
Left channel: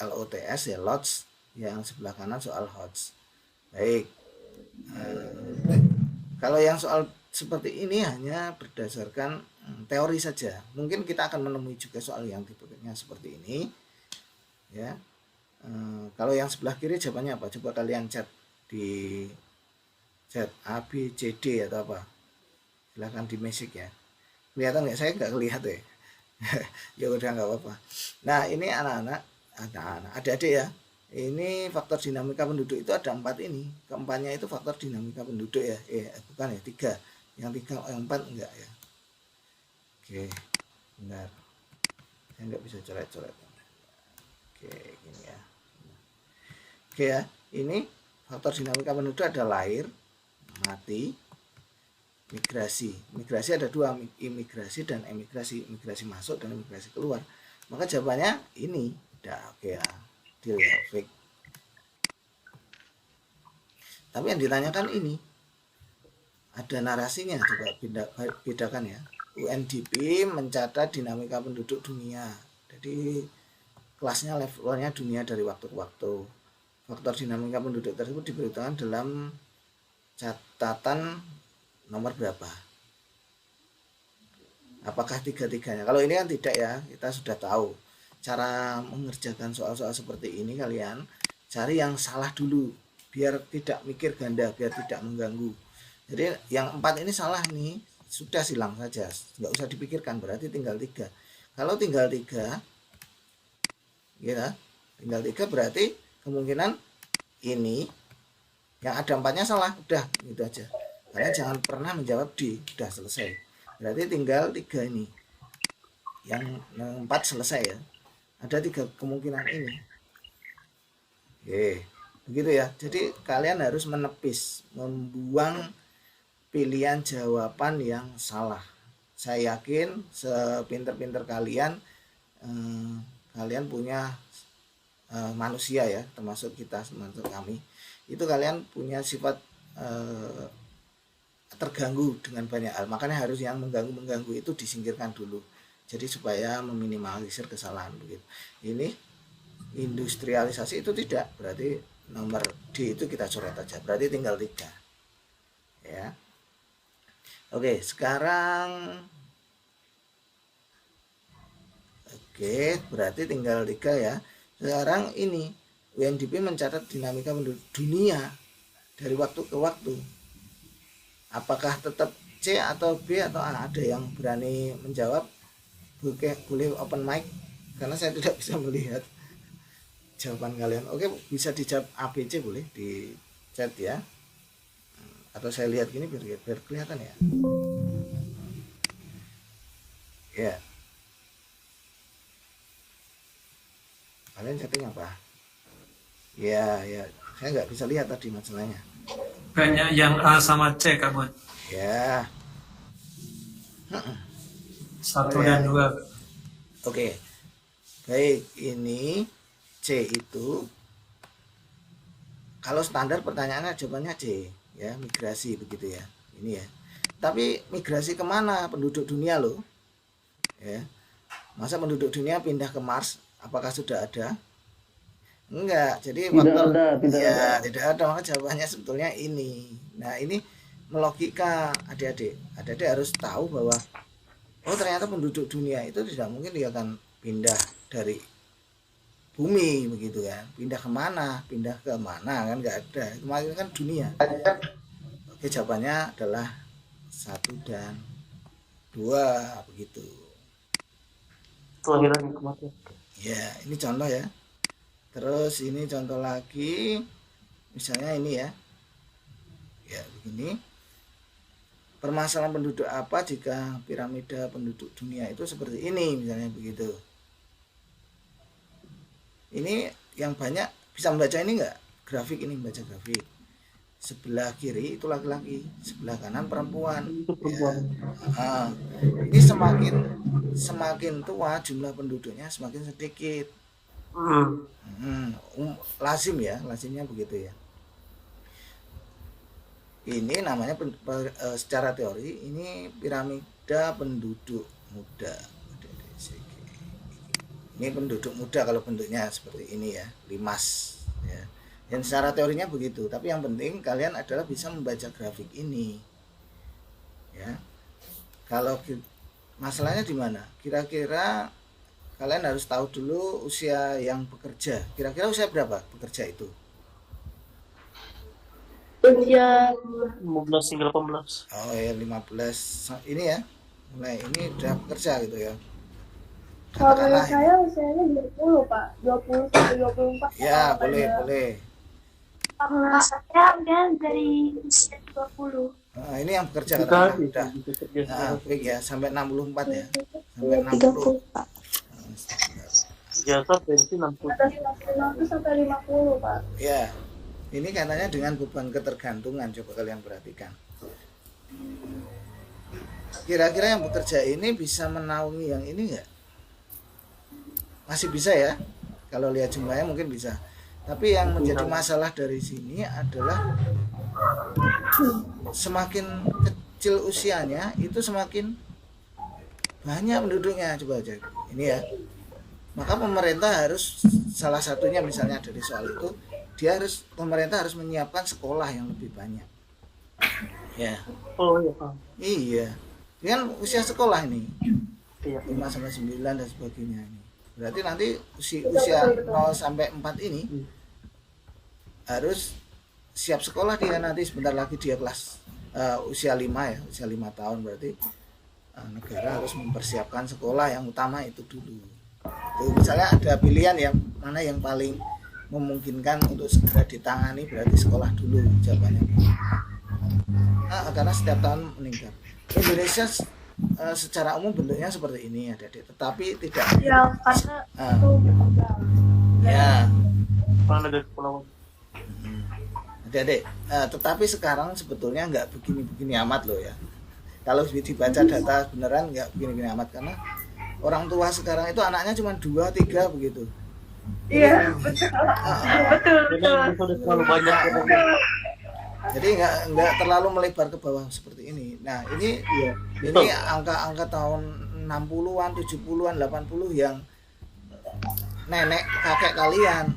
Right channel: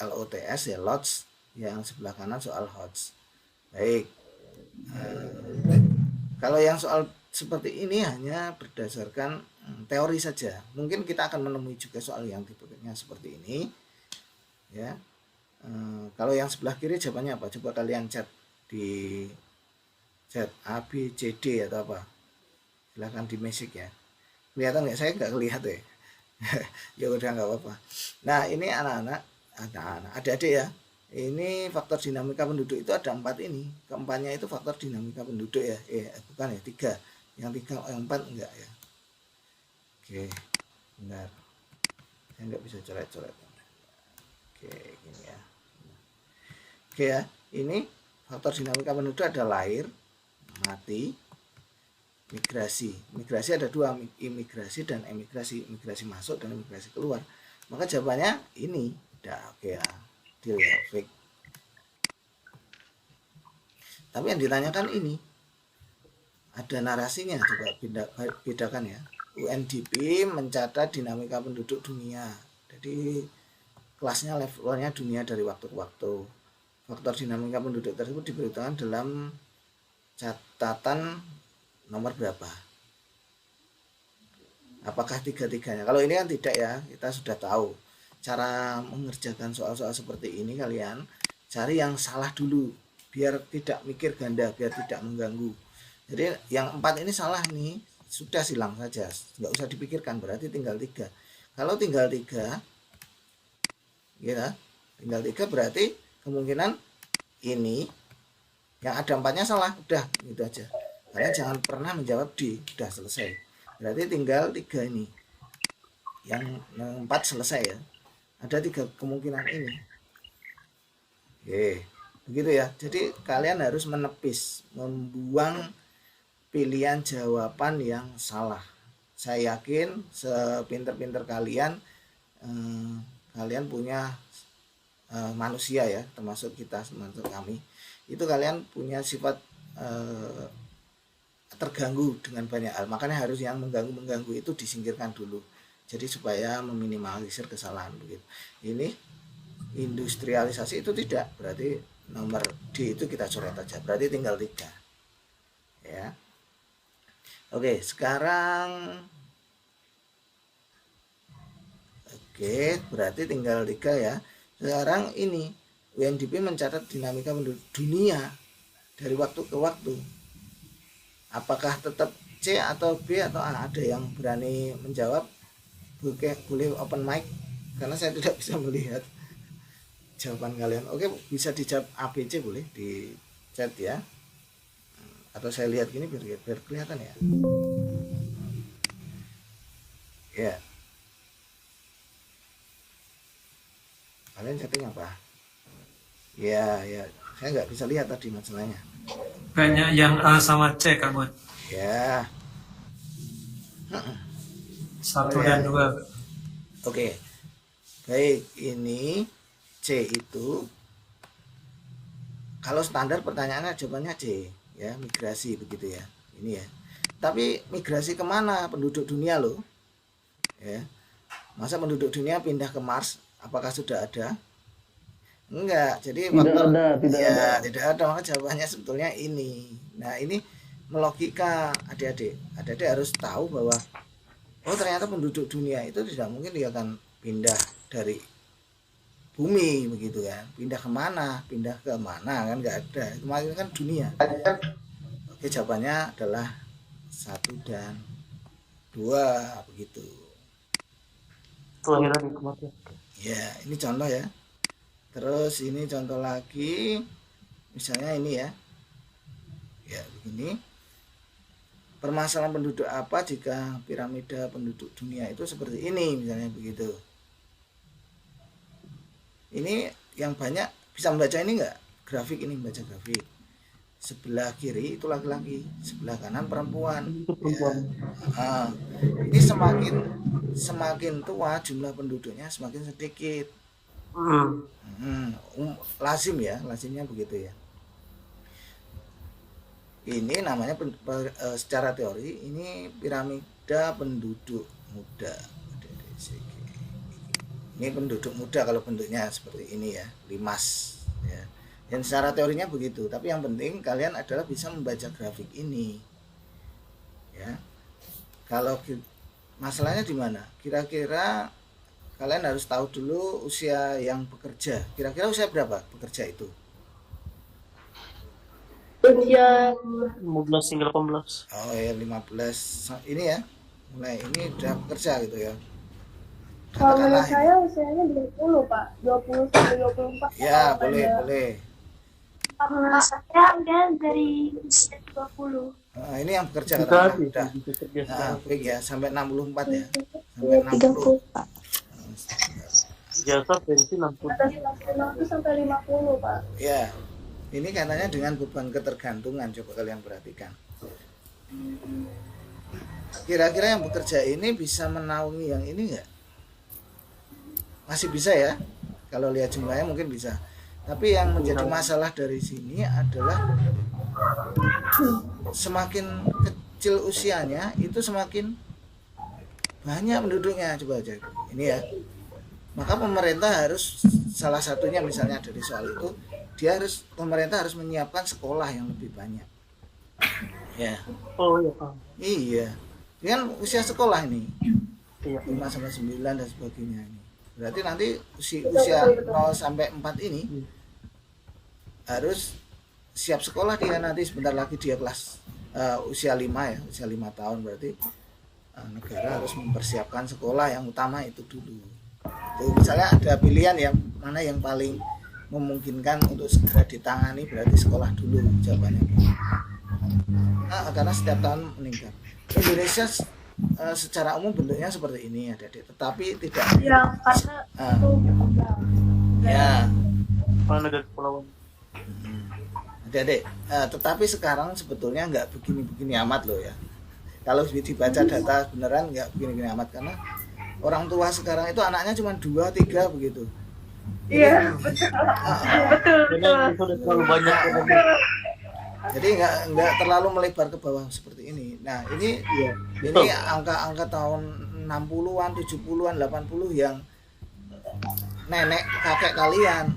LOTS ya, LOTS, yang sebelah kanan soal HOTS. Baik, kalau yang soal seperti ini hanya berdasarkan teori saja. Mungkin kita akan menemui juga soal yang tipenya seperti ini ya. Kalau yang sebelah kiri jawabannya apa? Coba kalian chat di chat A, B, C, D atau apa, silahkan di message ya. Kelihatan nggak? Saya nggak kelihatan ya. Ya udah nggak apa-apa. Nah ini anak-anak, adik-adik ya, ini faktor dinamika penduduk itu ada 4 ini. Keempatnya itu faktor dinamika penduduk ya, bukan ya, 3. Yang 4 enggak ya. Oke, benar, saya nggak bisa coret-coret. Oke, gini ya. Oke ya, ini faktor dinamika penduduk ada lahir, mati, migrasi. Migrasi ada 2, imigrasi dan emigrasi. Imigrasi masuk dan imigrasi keluar. Maka jawabannya ini. Udah oke ya. Deal ya, fake. Tapi yang ditanyakan ini ada narasinya, coba bedakan ya. UNDP mencatat dinamika penduduk dunia. Jadi kelasnya levelnya dunia dari waktu ke waktu. Faktor dinamika penduduk tersebut diberitakan dalam catatan nomor berapa? Apakah 3-3-nya? Kalau ini kan tidak ya, kita sudah tahu cara mengerjakan soal-soal seperti ini. Kalian cari yang salah dulu biar tidak mikir ganda, biar tidak mengganggu. Jadi yang 4 ini salah nih, sudah silang saja, nggak usah dipikirkan, berarti tinggal 3. Kalau tinggal 3 ya, tinggal 3 berarti kemungkinan ini yang ada 4-nya salah, udah gitu aja. Kalian jangan pernah menjawab D, udah selesai. Berarti tinggal 3 ini. Yang 4 selesai ya. Ada 3 kemungkinan ini. Oke, begitu ya. Jadi kalian harus menepis, membuang pilihan jawaban yang salah. Saya yakin sepinter-pinter kalian, kalian punya manusia ya, termasuk kita, termasuk kami. Itu kalian punya sifat terganggu dengan banyak hal, makanya harus yang mengganggu itu disingkirkan dulu, jadi supaya meminimalisir kesalahan begitu. Ini industrialisasi itu tidak, berarti nomor D itu kita coret aja, berarti tinggal 3 ya. Oke, sekarang berarti tinggal 3 ya. Sekarang ini UNDP mencatat dinamika penduduk dunia dari waktu ke waktu. Apakah tetap C atau B atau A? Ada yang berani menjawab? Boleh open mic karena saya tidak bisa melihat jawaban kalian. Oke, bisa dijawab A, B, C, boleh di chat ya. Atau saya lihat gini biar kelihatan ya. Ya. Kalian chatting apa? Ya, saya nggak bisa lihat tadi masalahnya. Kayaknya yang A sama C, Kak Bud. Ya. 1 dan 2. Oke. Baik, ini C itu kalau standar pertanyaannya jawabannya C ya, migrasi begitu ya. Ini ya. Tapi migrasi kemana? Penduduk dunia loh. Ya. Masa penduduk dunia pindah ke Mars? Apakah sudah ada? Enggak. Jadi tidak ada. Maka jawabannya sebetulnya ini. Nah, ini melogika adik-adik. Adik-adik harus tahu bahwa ternyata penduduk dunia itu tidak mungkin dia akan pindah dari bumi begitu kan. Pindah kemana kan nggak ada. Kemarin kan dunia. Oke, jawabannya adalah 1 dan 2 begitu. Ya, ini contoh ya. Terus ini contoh lagi. Misalnya ini ya. Ya, begini. Permasalahan penduduk apa jika piramida penduduk dunia itu seperti ini, misalnya begitu. Ini yang banyak bisa membaca ini enggak? Grafik ini, membaca grafik. Sebelah kiri itu laki-laki, sebelah kanan perempuan. Ya. Nah, ini semakin tua jumlah penduduknya semakin sedikit. Lazimnya begitu ya. Ini namanya secara teori ini piramida penduduk muda. Ini penduduk muda kalau bentuknya seperti ini ya, limas ya. Dan secara teorinya begitu, tapi yang penting kalian adalah bisa membaca grafik ini. Ya. Kalau masalahnya di mana? Kira-kira kalian harus tahu dulu usia yang bekerja. Kira-kira usia berapa bekerja itu? Usia 15 hingga 18. Oh ya, 15 ini ya. Mulai ini udah bekerja gitu ya. Kalau Katakanlah saya usianya 20, Pak. 20 sampai 24. ya, boleh. Kalau saya udah dari usia 20. Nah, ini yang bekerja katakanlah udah. Nah, baik ya, sampai 64 ya. Sampai 60. 30, Pak. Jasa pensi 60. Atas 60 sampai 50, Pak. Ya. Ini katanya dengan beban ketergantungan, coba kalian perhatikan. Kira-kira yang bekerja ini bisa menaungi yang ini enggak? Masih bisa ya. Kalau lihat jumlahnya mungkin bisa. Tapi yang menjadi masalah dari sini adalah semakin kecil usianya itu semakin banyak penduduknya. Coba aja ini ya. Maka pemerintah harus, salah satunya misalnya dari soal itu, pemerintah harus menyiapkan sekolah yang lebih banyak. Ya. Oh iya, Pak. Iya. Dengan usia sekolah ini. Iya. 5 sampai 9 dan sebagainya ini. Berarti nanti usia 0 sampai 4 ini harus siap sekolah dia nanti, sebentar lagi dia kelas usia 5 ya, usia 5 tahun berarti negara harus mempersiapkan sekolah yang utama itu dulu. Tuh, misalnya ada pilihan yang mana yang paling memungkinkan untuk segera ditangani, berarti sekolah dulu jawabannya. Karena setiap tahun meningkat. Indonesia secara umum bentuknya seperti ini adik-adik, tetapi tidak Yang karena itu ya Kalau negara kepulauan. adik-adik, tetapi sekarang sebetulnya nggak begini-begini amat loh ya. Kalau dibaca data beneran nggak begini-begini amat, karena orang tua sekarang itu anaknya cuma 2, 3 begitu. iya, betul. Jadi itu udah terlalu banyak. Jadi nggak terlalu melebar ke bawah seperti ini. Nah ini angka-angka tahun 60-an, 70-an, 80 yang nenek kakek kalian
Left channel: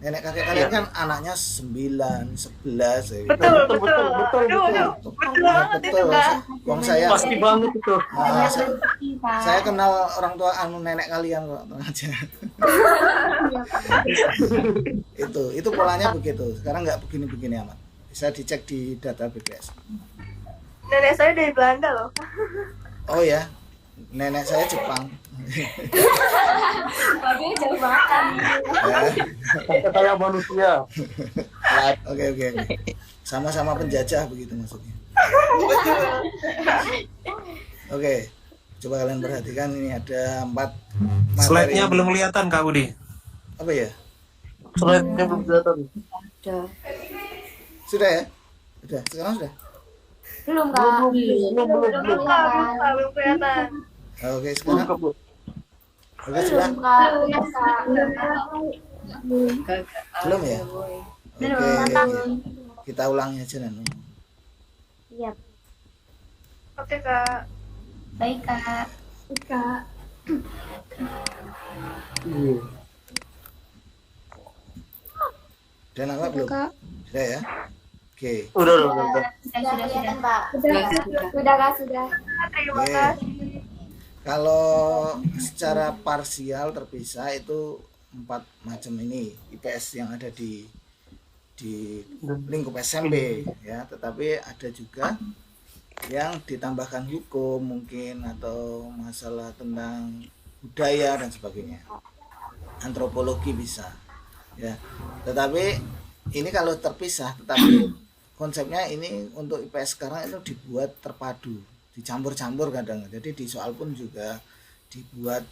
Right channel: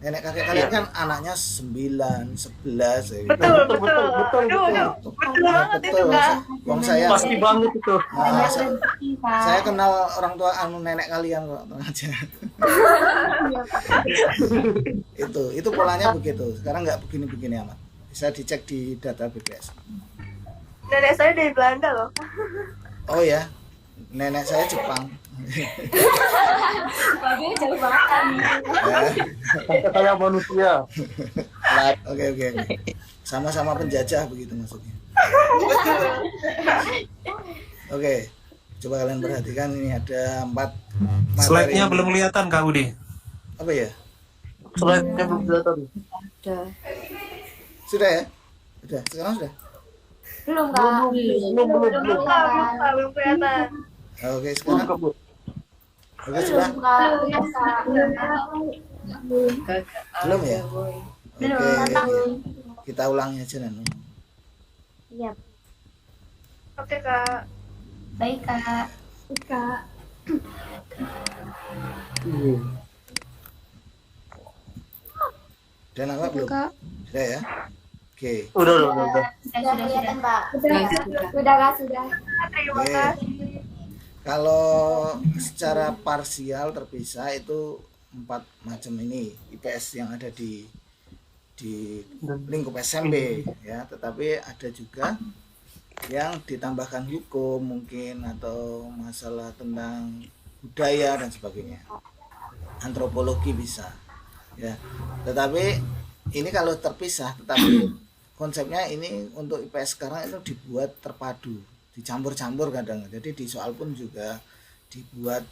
Nenek kakek kalian kan anaknya 9, 11 ya gitu. Betul, betul. betul, betul, Aduh, betul. betul banget itu, Betul. Kak. Wong saya Pasti banget itu. saya kenal orang tua nenek kalian kok, tenang aja. Itu polanya begitu. Sekarang nggak begini-begini amat. Bisa dicek di data BPS. Nenek saya dari Belanda loh. Oh ya, nenek saya Jepang. Ya. Sampai kayak manusia. Oke. Sama-sama penjajah begitu maksudnya. Oke, coba kalian perhatikan ini ada 4 materi. Slide-nya belum kelihatan Kak Budi. Apa ya? Slide-nya belum kelihatan. Sudah ya? Sudah. Sekarang sudah. Belum Kak. Belum, Kak, belum kelihatan. Oke, sekarang. Oke, sudah. Belum ya? Oke. Kita ulangi aja Nanu. Iya. Oke, Kak. Baik Kak. Udah nangkap belum? Sudah ya? Oke. Udah. Sudah kelihatan Pak. Sudah Kak, sudah. Terima Oke. kasih. Kalau secara parsial terpisah itu 4 macam ini IPS yang ada di lingkup SMP ya, tetapi ada juga yang ditambahkan hukum mungkin atau masalah tentang budaya dan sebagainya. Antropologi bisa ya. Tetapi ini kalau terpisah, tetapi konsepnya ini untuk IPS sekarang itu dibuat terpadu, dicampur-campur kadang. Jadi di soal pun juga dibuat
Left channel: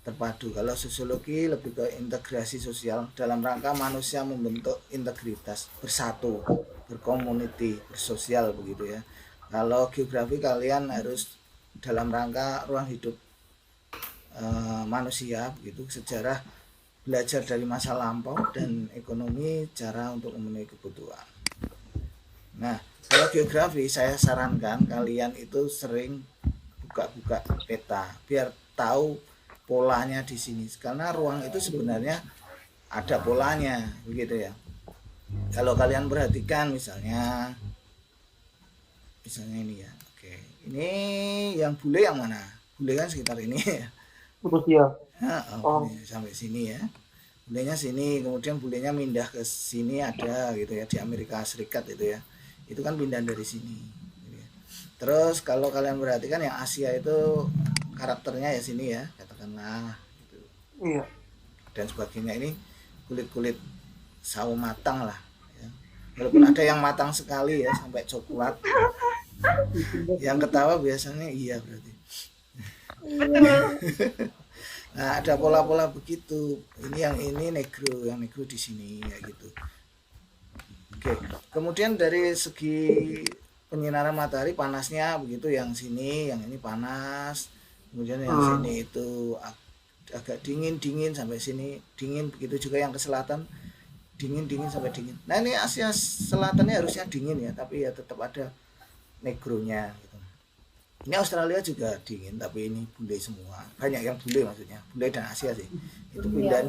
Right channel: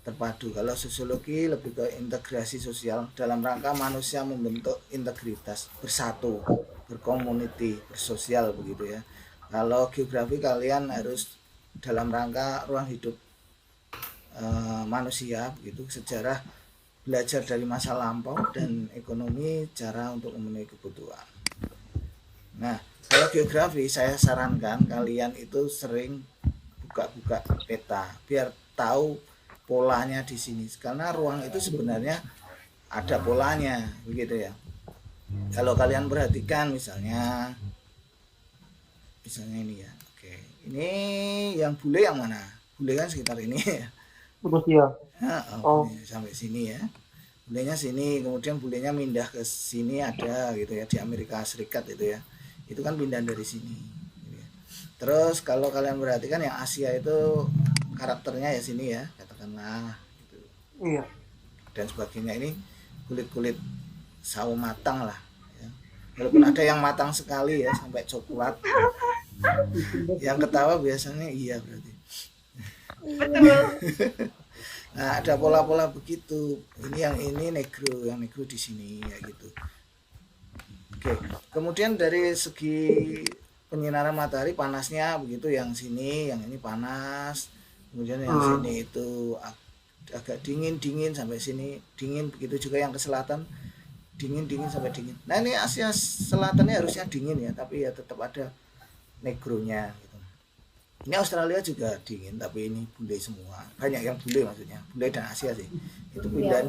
terpadu. Kalau sosiologi lebih ke integrasi sosial dalam rangka manusia membentuk integritas, bersatu, berkomuniti, bersosial begitu ya. Kalau geografi kalian harus dalam rangka ruang hidup manusia begitu, sejarah belajar dari masa lampau, dan ekonomi cara untuk memenuhi kebutuhan. Nah, kalau geografi saya sarankan kalian itu sering buka-buka peta biar tahu polanya di sini, karena ruang itu sebenarnya ada polanya begitu ya. Kalau kalian perhatikan misalnya ini ya. Oke, ini yang bule yang mana? Bule kan sekitar ini ya. Rusia. Bule sampai sini ya. Bulenya sini, kemudian bulenya pindah ke sini ada gitu ya, di Amerika Serikat itu ya. Itu kan pindah dari sini gitu ya. Terus kalau kalian perhatikan yang Asia itu karakternya ya sini ya, katakanlah gitu. Iya. Dan sebagainya, ini kulit-kulit sawo matang lah ya. Walaupun ada yang matang sekali ya sampai coklat. Yang ketawa biasanya iya berarti. Nah, ada pola-pola begitu. Ini negro, yang negro di sini ya gitu. Oke, kemudian dari segi penyinaran matahari panasnya begitu, yang sini, yang ini panas. Kemudian yang sini itu agak dingin sampai sini dingin, begitu juga yang ke selatan dingin sampai dingin. Nah, ini Asia Selatannya harusnya dingin ya, tapi ya tetap ada negronya gitu. Ini Australia juga dingin, tapi ini bule semua, banyak yang bule, maksudnya bule dan Asia sih, itu pindahan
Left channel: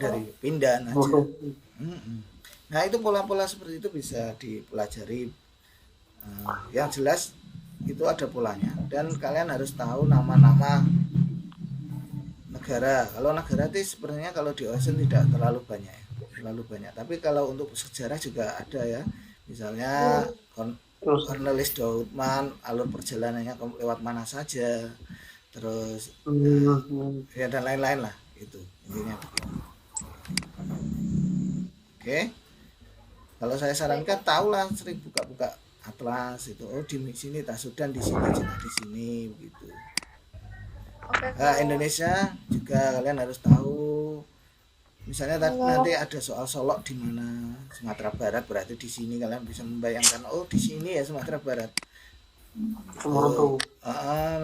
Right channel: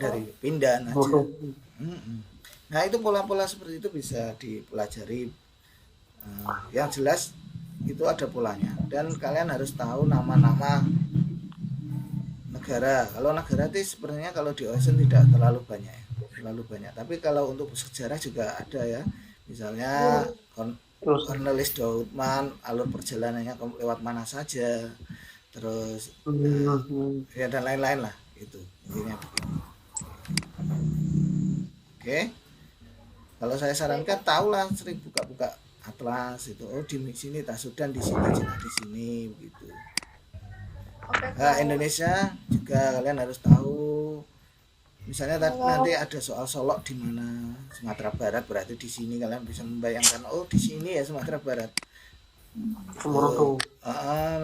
aja. Nah, itu pola-pola seperti itu bisa dipelajari. Yang jelas itu ada polanya, dan kalian harus tahu nama-nama negara. Kalau negara itu sebenarnya kalau di OSN tidak terlalu banyak, tapi kalau untuk sejarah juga ada ya, misalnya Cornelis Doudman, alur perjalanannya lewat mana saja, terus ya dan lain-lain lah, itu intinya begitu. Oke, kalau saya sarankan tahulah, sering buka-buka atlas itu, oh di sini Sudan, di sini Cina, di sini begitu. Nah, Indonesia juga kalian harus tahu. Misalnya nanti ada soal Solok di mana, Sumatera Barat, berarti di sini kalian bisa membayangkan, oh di sini ya Sumatera Barat.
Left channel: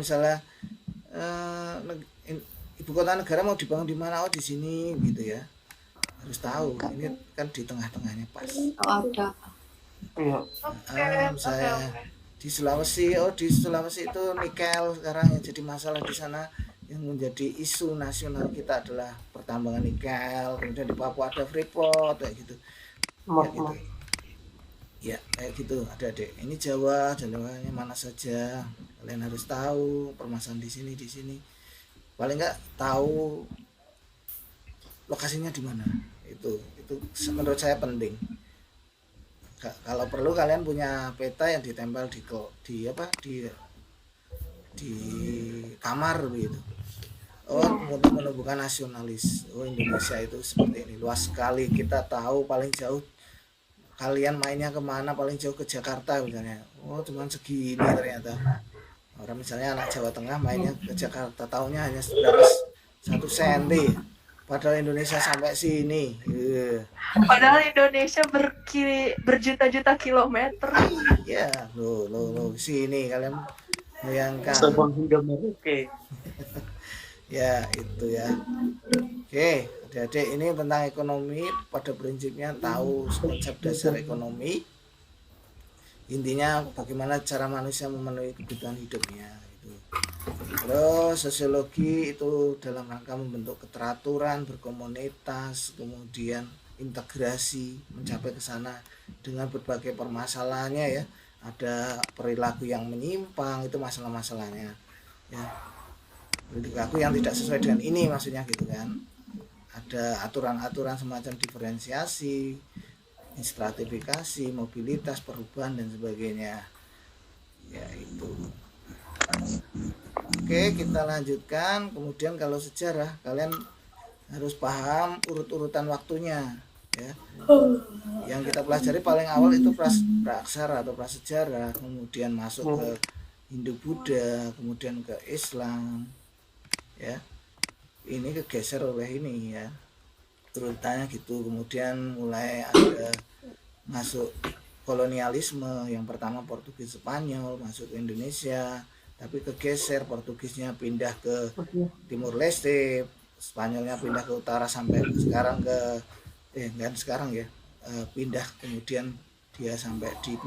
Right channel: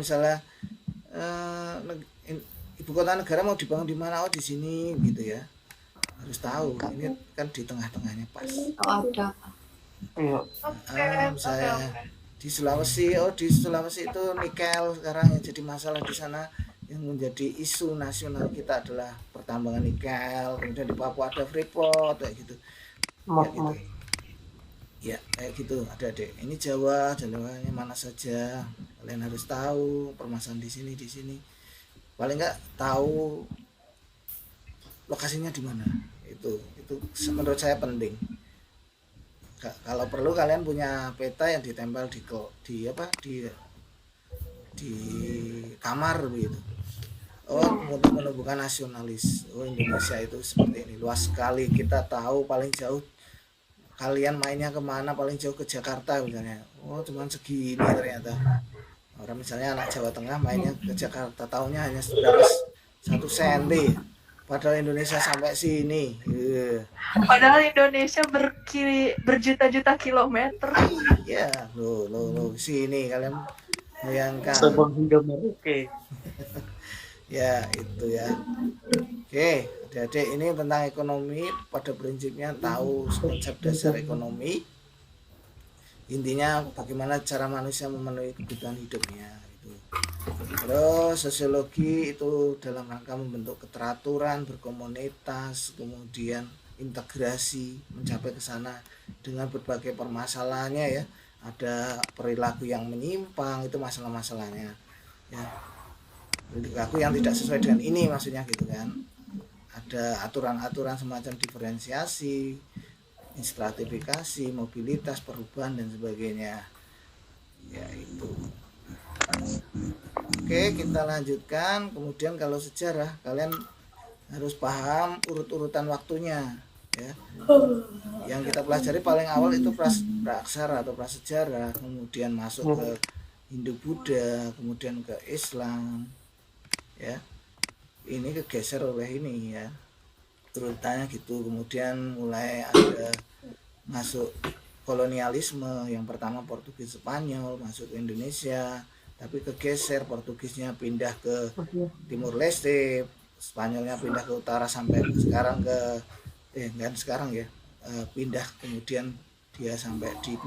Misalnya ibu kota negara mau dibangun di mana, oh di sini gitu ya. Harus tahu, ini kan di tengah-tengahnya pas. Misalnya di Sulawesi, oh di Sulawesi itu nikel sekarang yang jadi masalah di sana, yang menjadi isu nasional kita adalah pertambangan nikel, kemudian di Papua ada Freeport kayak gitu. Ya gitu. Ya kayak gitu adik-adik. Ini Jawanya mana saja. Kalian harus tahu permasalahan di sini. Paling nggak tahu lokasinya di mana. Itu menurut saya penting. Kalau perlu kalian punya peta yang ditempel di kamar begitu. Oh, untuk menumbuhkan nasionalis. Oh, Indonesia itu seperti ini, luas sekali. Kita tahu paling jauh kalian mainnya kemana, paling jauh ke Jakarta misalnya. Oh, cuman segini ternyata. Orang misalnya anak Jawa Tengah mainnya ke Jakarta, tahunya hanya berapa 1 senti. Padahal Indonesia sampai sini. Padahal Indonesia berjuta-juta kilometer. Ya, lo sini kalian bayangkan. Sabang hingga Merauke. Ya, itu ya. Oke, adik-adik, ini tentang ekonomi. Pada prinsipnya tahu konsep dasar ekonomi. Intinya bagaimana cara manusia memenuhi kebutuhan hidupnya gitu. Terus sosiologi itu dalam rangka membentuk keteraturan, berkomunitas, kemudian integrasi mencapai ke sana dengan berbagai permasalahannya ya. Ada perilaku yang menyimpang, itu masalah-masalahnya ya. Perilaku yang tidak sesuai dengan ini maksudnya gitu kan. Ada aturan-aturan semacam diferensiasi, stratifikasi, mobilitas, perubahan dan sebagainya. Ya itu. Oke, kita lanjutkan. Kemudian kalau sejarah, kalian harus paham urut-urutan waktunya ya. Yang kita pelajari paling awal itu praaksara atau prasejarah, kemudian masuk ke Hindu Buddha, kemudian ke Islam ya. Ini kegeser oleh ini ya, urutannya gitu. Kemudian mulai ada masuk kolonialisme, yang pertama Portugis Spanyol masuk ke Indonesia, tapi kegeser, Portugisnya pindah ke Timur Leste, Spanyolnya pindah ke utara sampai sekarang ke pindah kemudian dia sampai di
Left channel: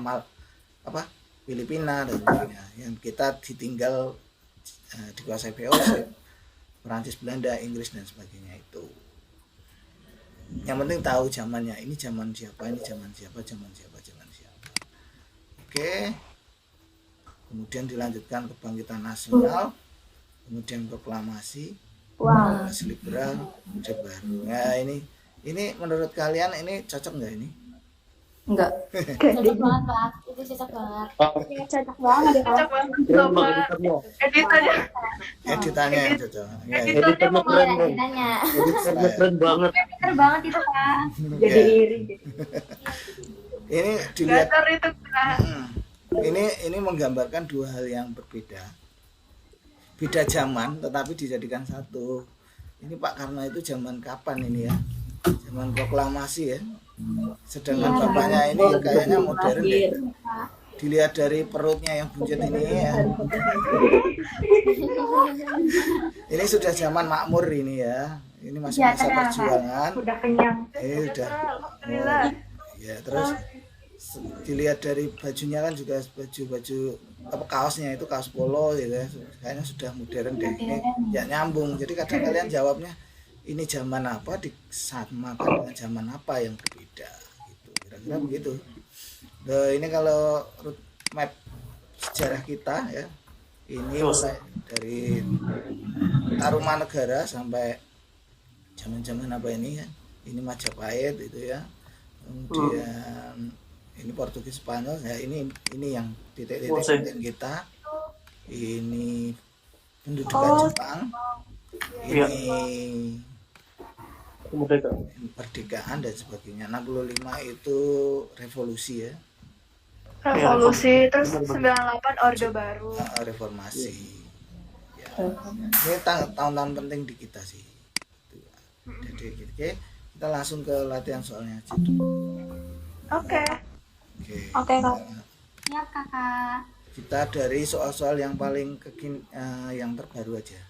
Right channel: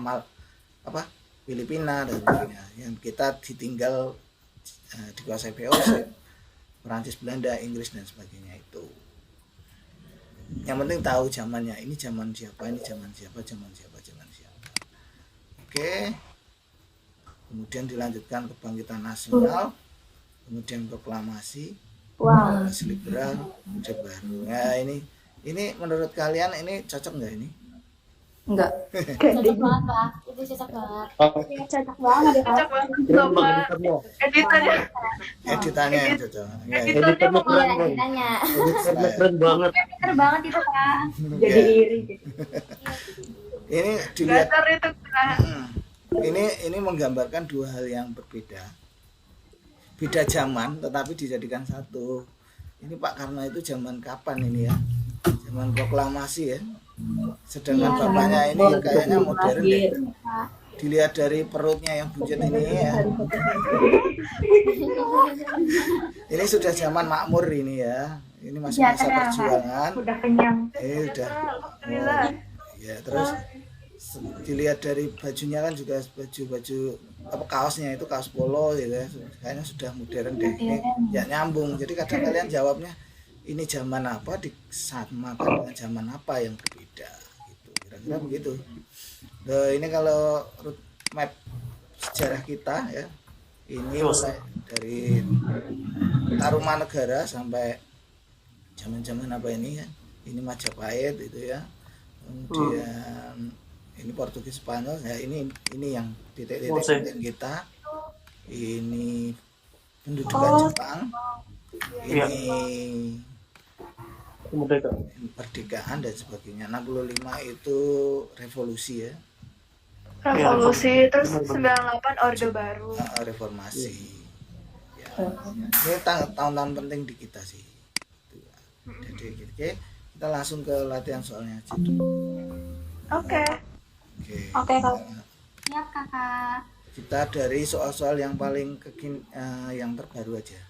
Filipina dan sebagainya. Yang kita ditinggal dikuasai VOC, Perancis, Belanda, Inggris dan sebagainya itu. Yang penting tahu zamannya, ini zaman siapa, ini zaman siapa. Oke. Kemudian dilanjutkan kebangkitan nasional, kemudian proklamasi, liberal, ide baru. Nah, ini menurut kalian ini cocok nggak ini? Enggak. Cocok banget, Pak. Itu cocok banget. Cocok banget ya, Pak. Cocok banget sama editannya. Editannya yang cocok. Ya, Editornya mau Tanya. Keren banget. Pinter banget itu, Pak. Ya. iri. Ini dilihat. Dasar itu kan. Ini menggambarkan dua hal yang berbeda. Beda zaman tetapi dijadikan satu. Ini Pak, karena itu zaman kapan ini ya? Zaman proklamasi ya. Sedangkan bapaknya ini kayaknya modern deh. Dilihat dari perutnya yang buncit ini ya. Ini sudah zaman makmur ini ya. Ini masih masa perjuangan. Udah kenyang. Ini udah. Oh, ya terus dilihat dari bajunya kan juga baju kaosnya itu kaos polo gitu ya. Kayaknya sudah modern deh. Ini ya nyambung. Jadi kadang kalian jawabnya ini zaman apa disamakan dengan zaman apa yang berbeda gitu. Kira-kira begitu. Nah, ini kalau root map sejarah kita ya. Ini mulai dari Tarumanegara sampai zaman-zaman apa ini ya. Ini Majapahit itu ya. Kemudian ini Portugis Spanyol ya, ini yang titik-titik penting kita. Ini pendudukan Jepang. Ini kemerdekaan dan sebagainya. 65 itu revolusi ya. Revolusi, terus 98 Orde Baru. Reformasi. Ya. Ini tahun-tahun penting di kita sih. Jadi kita langsung ke latihan soalnya aja dulu. Oke. Oke, Kak. Ya, Kakak. Kita dari soal-soal yang paling yang terbaru aja.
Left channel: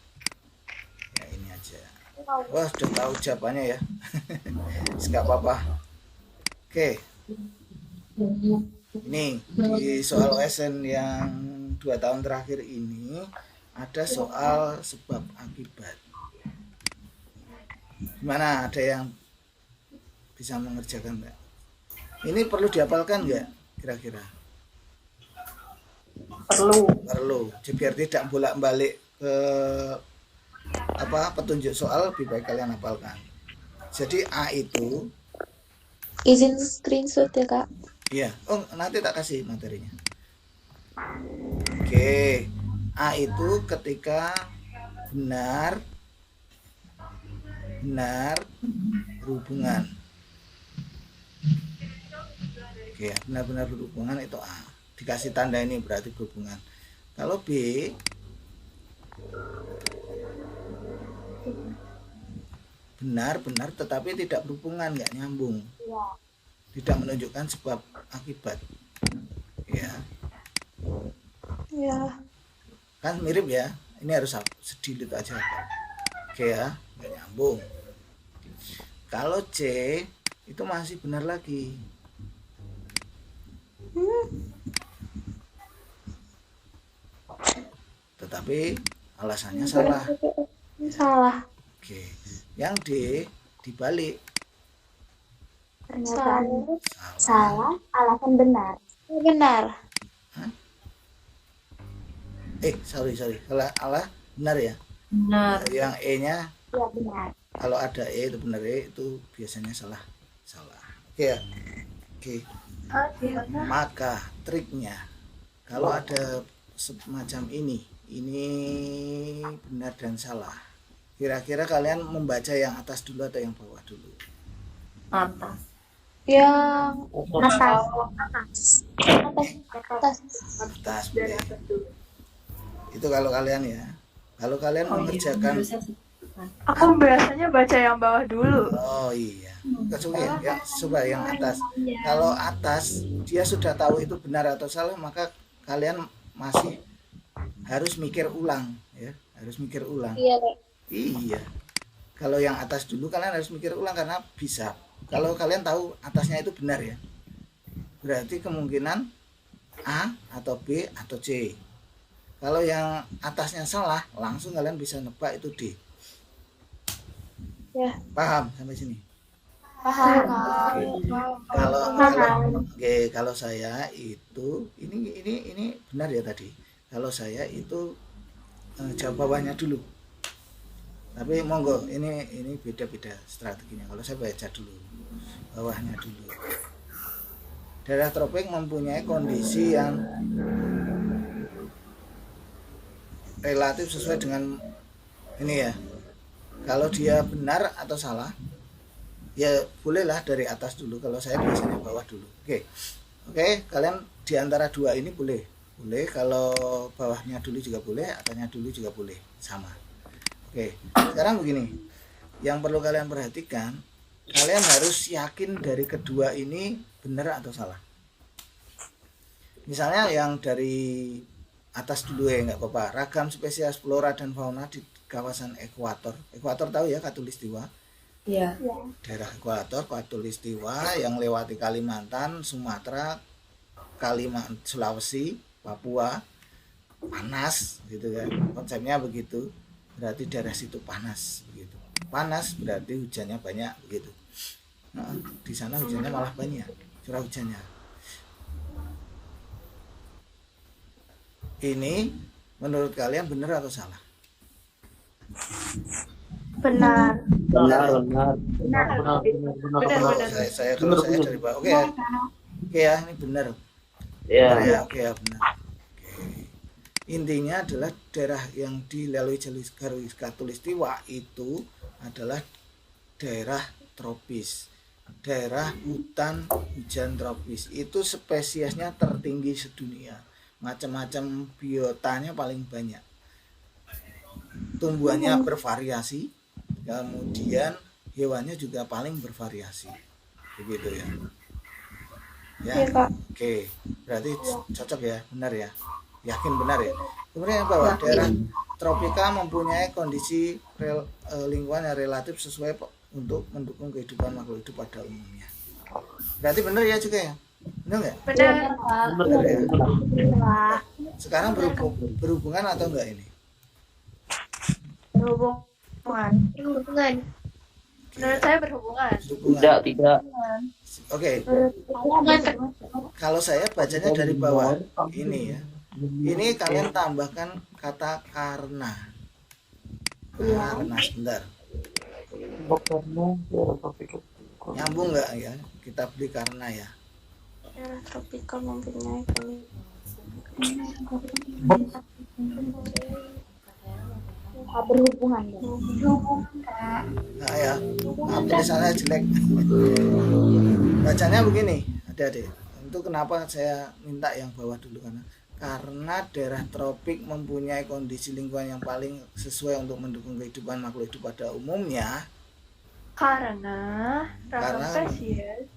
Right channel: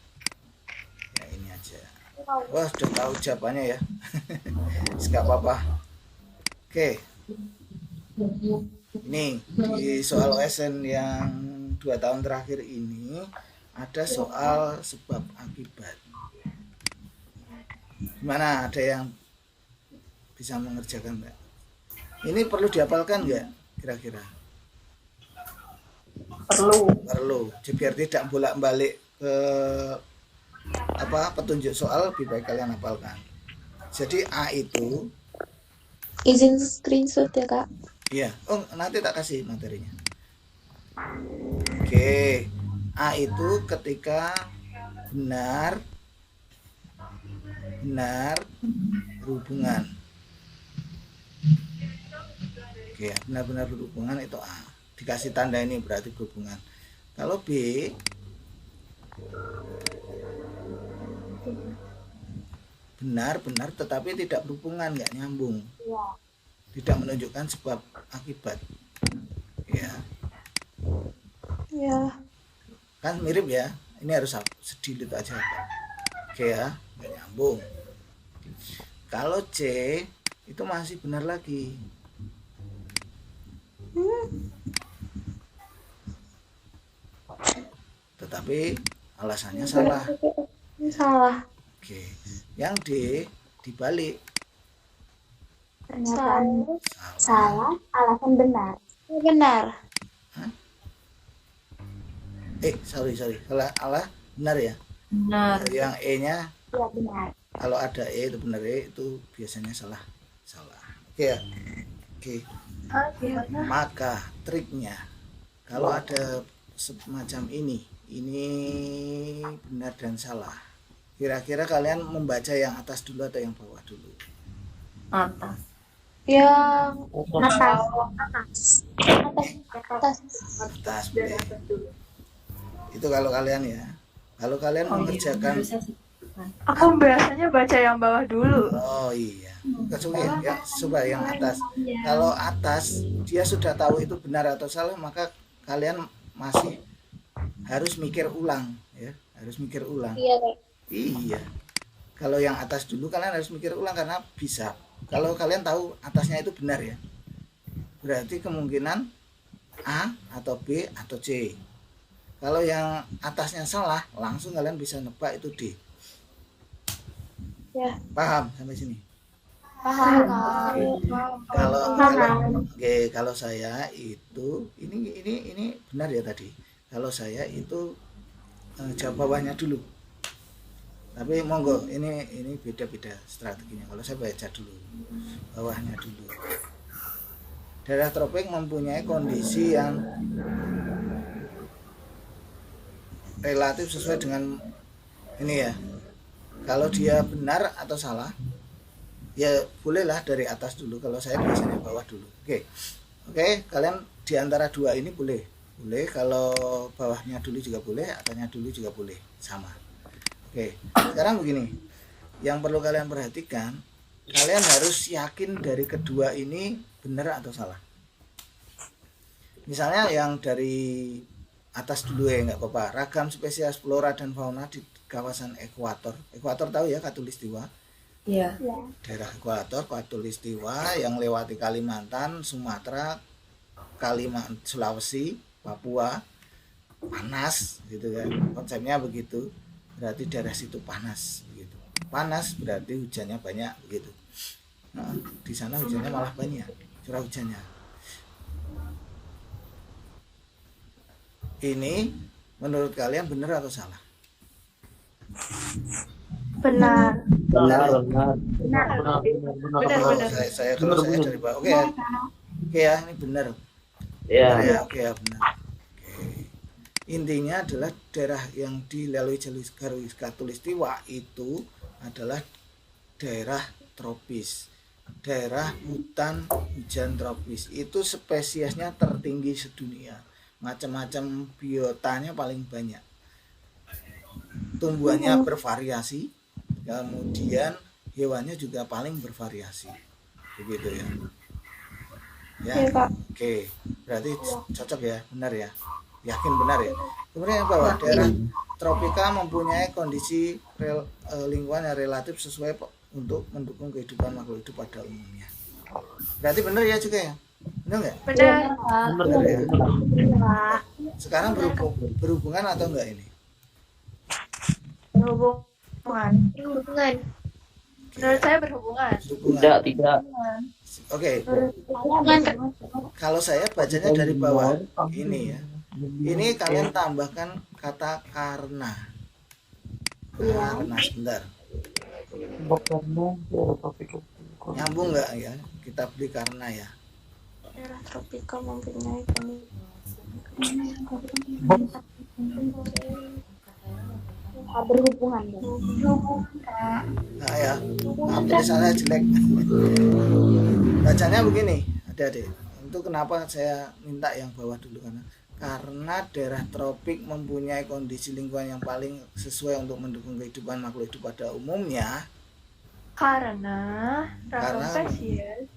Ya ini aja. Wah, sudah tahu jawabannya ya. Enggak apa-apa. Oke. Ini di soal OSN yang 2 tahun terakhir ini ada soal sebab akibat akibat. Gimana, ada yang bisa mengerjakan nggak? Ini perlu dihafalkan nggak kira-kira? Perlu. Jadi biar tidak bolak-balik ke petunjuk soal, lebih baik kalian hafalkan. Jadi A itu Izin screenshot ya kak. iya, nanti tak kasih materinya. Oke. A itu ketika benar berhubungan. Oke, benar-benar berhubungan itu A. Dikasih tanda ini berarti berhubungan. Kalau B benar tetapi tidak berhubungan, nggak nyambung, tidak menunjukkan sebab akibat, ya kan mirip ya. Ini harus sedikit aja, oke ya, nggak nyambung. Kalau C itu masih benar lagi, tetapi alasannya salah. Salah. Oke, yang D dibalik. Salah. Alasan benar. Benar. Sorry. Salah benar ya. Benar. Yang E-nya Ya benar. kalau ada E itu benar, E itu biasanya salah. Oke ya. Oke. Maka triknya kalau ada semacam ini benar dan salah. Kira-kira kalian membaca yang atas dulu atau yang bawah dulu? Atas. Yang Atas boleh. Itu kalau kalian ya. Kalau kalian mengerjakan, Aku biasanya baca yang bawah dulu. oh iya, coba yang atas. Kalau atas dia sudah tahu itu benar atau salah, maka kalian masih harus mikir ulang, ya, harus mikir ulang. Iya. Kalau yang atas dulu kalian harus mikir ulang karena bisa. Kalau kalian tahu atasnya itu benar ya, berarti kemungkinan A atau B atau C. Kalau yang atasnya salah, langsung kalian bisa nebak itu D. Ya. Paham sampai sini? Paham. Kalau saya itu ini benar ya tadi. Kalau saya itu jawab bawahnya dulu. Tapi monggo, ini beda-beda strateginya. Kalau saya baca dulu bawahnya dulu. Daerah tropik mempunyai kondisi yang relatif sesuai dengan ini ya. Kalau dia benar atau salah, ya bolehlah dari atas dulu. Kalau saya biasanya bawah dulu. Oke, kalian di antara dua ini boleh. Kalau bawahnya dulu juga boleh, atasnya dulu juga boleh, sama. Oke, sekarang begini. Yang perlu kalian perhatikan, kalian harus yakin dari kedua ini benar atau salah. Misalnya yang dari atas dulu ya, nggak apa-apa. Ragam spesies flora dan fauna di kawasan ekuator. Ekuator tahu ya, khatulistiwa. Iya. Daerah ekuator, khatulistiwa yang lewati Kalimantan, Sumatera, Sulawesi, Papua, panas gitu kan. Konsepnya begitu. Berarti daerah situ panas begitu. Panas berarti hujannya banyak begitu. Nah, di sana hujannya malah banyak, curah hujannya. Ini menurut kalian benar atau salah? Benar. Benar. Kalau saya dari bawah. Oke ya, ini benar. Ya. Oke ya, benar. Intinya adalah daerah yang dilalui garis khatulistiwa itu adalah daerah tropis, daerah hutan hujan tropis. Itu spesiesnya tertinggi sedunia, macam-macam biotanya paling banyak, tumbuhannya bervariasi, kemudian hewannya juga paling bervariasi, begitu ya. Oke, berarti cocok ya, benar ya. Yakin benar ya. Kemudian yang bawah, daerah tropika mempunyai kondisi lingkungan yang relatif sesuai untuk mendukung kehidupan makhluk hidup pada umumnya. Berarti benar ya juga ya? Benar nggak? Benar ya. Sekarang berhubungan atau enggak ini? Berhubungan. Berhubungan. Menurut saya berhubungan. Hubungan. Tidak. Oke, Berhubungan. kalau saya bacanya dari bawah ini ya. Ini kalian tambahkan kata karena. Karena sebentar. Nyambung nggak ya? Kita beli karena ya. Daerah tropikal mempunyai berhubungan. Nah ya, maaf tulisannya jelek. Bacanya begini, adik-adik. Untuk kenapa saya minta yang bawah dulu karena daerah tropik mempunyai kondisi lingkungan yang paling sesuai untuk mendukung kehidupan makhluk hidup pada umumnya. Karena spesies.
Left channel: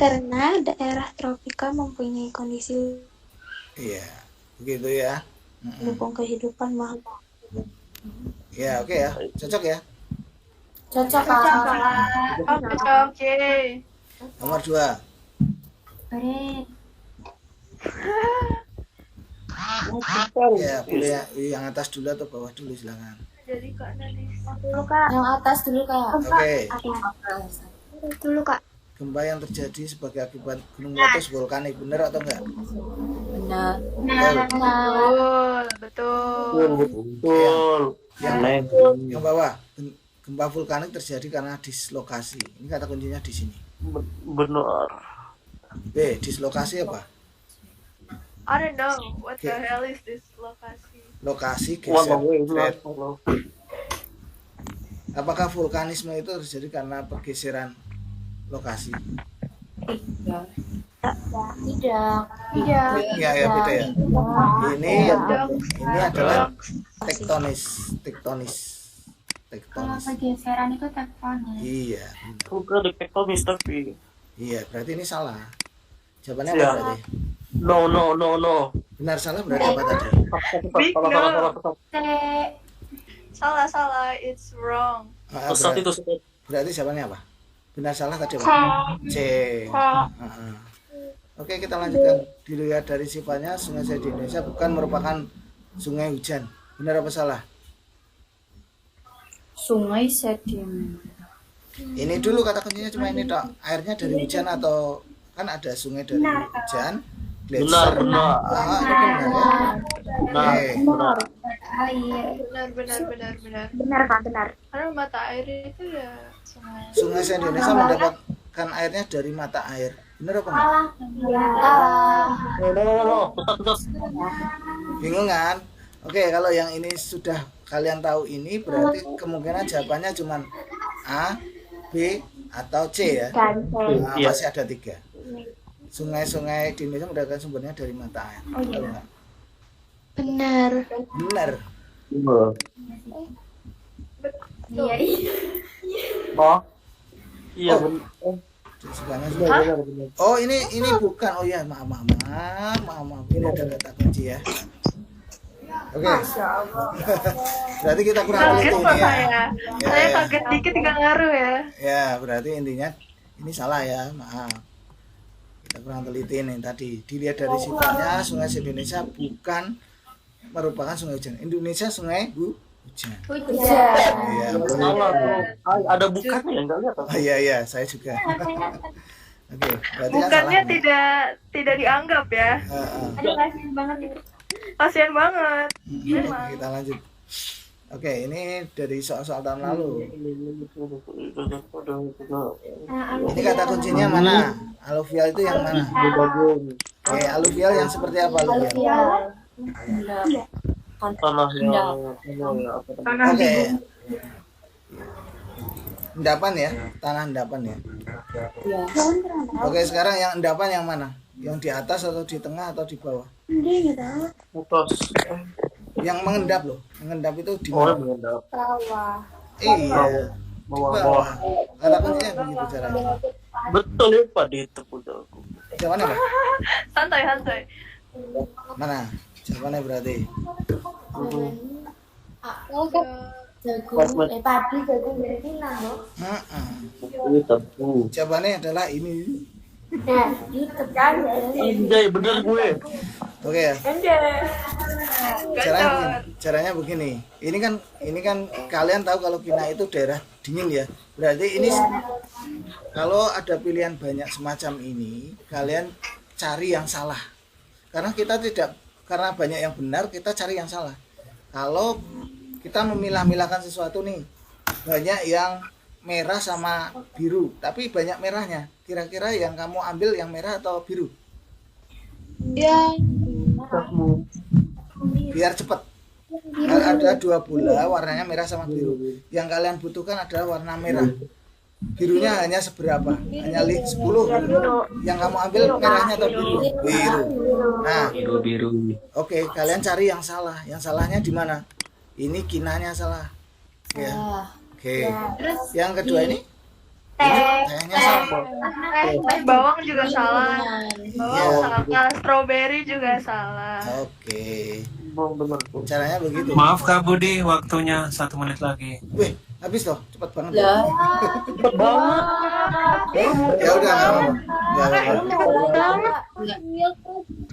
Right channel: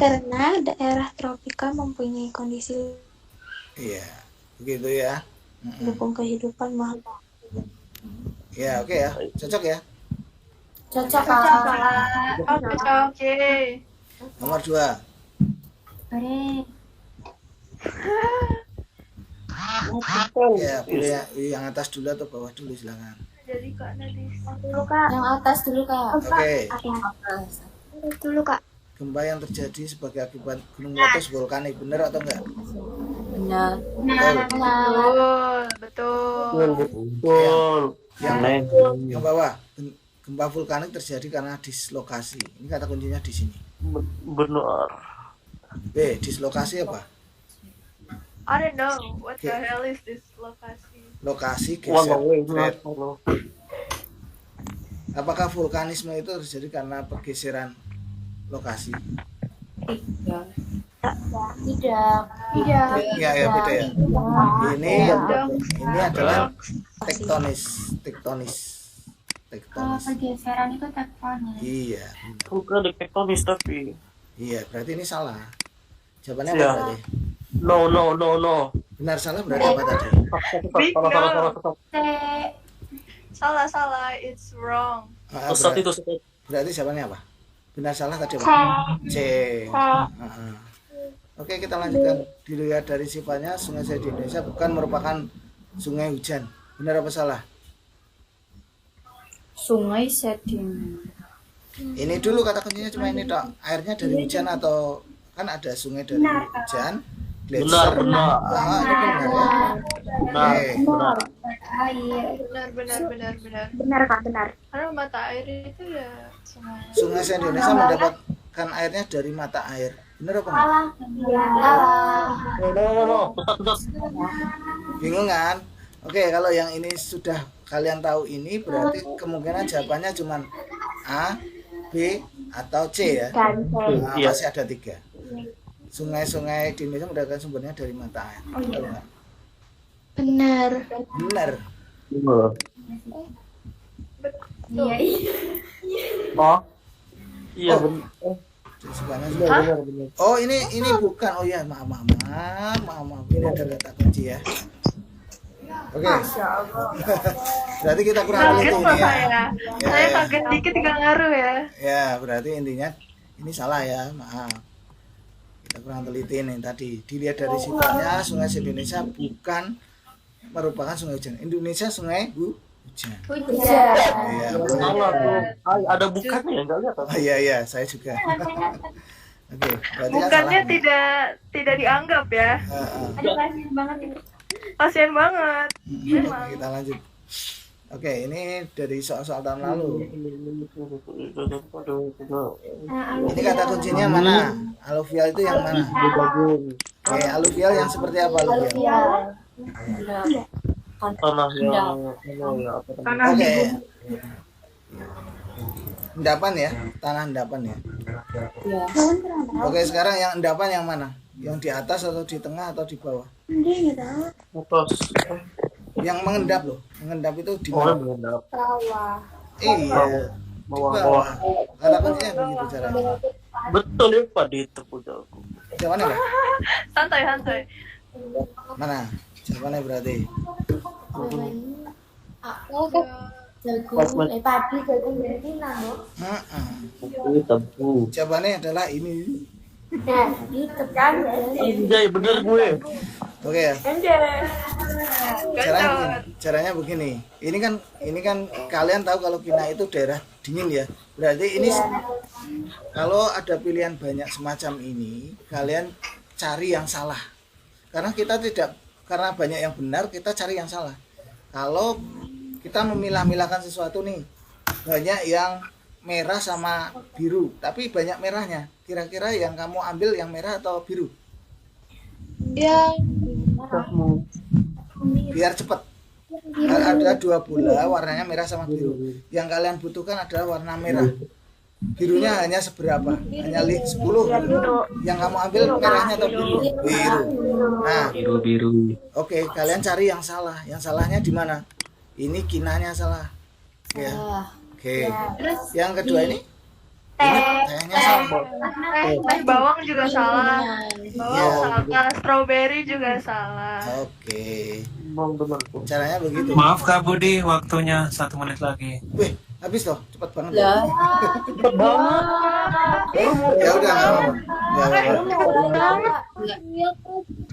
Karena daerah tropikal mempunyai kondisi Iya, begitu ya. mendukung kehidupan makhluk. Ya, oke ya, cocok ya. Cocok Oke. Nomor 2. Ya, boleh yang atas dulu atau bawah dulu silakan. Jadi Kak Nanis. Yang atas dulu Kak. Oke. Dulu Kak. Gempa yang terjadi sebagai akibat gunung meletus vulkanik, benar atau enggak? Benar. Betul. Betul. Yang bawah, gempa vulkanik terjadi karena dislokasi. Ini kata kuncinya di sini. Benar. B, dislokasi apa? I don't know what the hell is this lokasi. Lokasi geser. Thread. Apakah vulkanisme itu terjadi karena pergeseran lokasi? Tidak. Ya, beda ya. Ini adalah tektonis. Pergeseran itu tektonis. Iya. Bukan tektonis tapi. Iya, berarti ini salah. Jawabannya apa berarti? No. Benar salah berarti apa tadi? Salah. It's wrong. Berarti jawabannya apa? Benar salah tadi apa? C. Oke, kita lanjutkan. Dilihat dari sifatnya, sungai di Indonesia bukan merupakan sungai hujan. Benar apa salah? Sungai sedimen. Ini dulu kata kuncinya cuma ini tok. Airnya dari hujan atau kan ada sungai dari hujan, gletser. Benar. Ini benar ya. Benar. Benar. Benar Kak, benar. Karena mata air itu ya Sungai di Indonesia mendapatkan airnya dari mata air. Benar apa enggak? Bingung kan? Oke, kalau yang ini sudah kalian tahu ini berarti kemungkinan jawabannya cuma A, B, atau C ya. Nah, masih ada 3. Sungai-sungai di Indonesia mendapatkan sumbernya dari mata air. Tahu nggak? Benar. Benar. Iya. Oh, ini bukan. Oh ya, maaf. Ini ada kata kunci ya. Oke. Berarti kita kurang teliti ini ya. Saya kaget dikit nggak ngaruh ya. Ya, berarti intinya ini salah ya, maaf. Kita kurang teliti nih tadi. Dilihat dari sifatnya, sungai Indonesia bukan merupakan sungai hujan. Indonesia sungai hujan. Iya, Ada bukannya enggak lihat. Oh iya, saya juga. Oke, berarti kan Bukannya salah. tidak dianggap ya. Kasian banget. Oke, kita lanjut. Oke, ini dari soal-soal tahun lalu. Ini kata kuncinya mana? Aluvial itu yang mana? Oke, aluvial yang seperti apa aluvial? Tanah yang Oke. Endapan ya, tanah endapan ya. Oke, sekarang yang endapan yang mana? Yang di atas atau di tengah atau di bawah? putus. Yang mengendap loh. Mengendap itu di mana? Iya. Di bawah. Kata kuncinya begitu caranya. Betul ya Pak di tepuk aku. Jawabannya apa? Santai. Mana? Jawabannya berarti. Padi jagung betina loh. Ini tentu. Jawabannya adalah ini. Nah, itu kan. Iya bener gue. Oke ya. Caranya begini. Ini kan kalian tahu kalau Kina itu daerah dingin ya. Berarti ini kalau ada pilihan banyak semacam ini, kalian cari yang salah. Karena karena banyak yang benar, kita cari yang salah. Kalau kita memilah-milahkan sesuatu nih, banyak yang merah sama biru, tapi banyak merahnya. Kira-kira yang kamu ambil yang merah atau biru? Ya. Biar cepat. Ada 2 bola warnanya merah sama biru. Yang kalian butuhkan adalah warna merah. Birunya hanya seberapa? Hanya 10. Yang kamu ambil merahnya atau biru? Biru. Nah, Biru. oke, kalian cari yang salah. Yang salahnya di mana? Ini Kinanya salah. Ya. Oke. Yang kedua ini? Ini tehnya salah. Bawang juga salah. Iya. Salah. Strawberry juga salah. Oke. Bang benar. Caranya begitu. Maaf Kak Budi, waktunya 1 menit lagi. Wih, habis toh, cepat banget. Ya, Cepet banget. ya udah nggak apa-apa. Nggak apa-apa.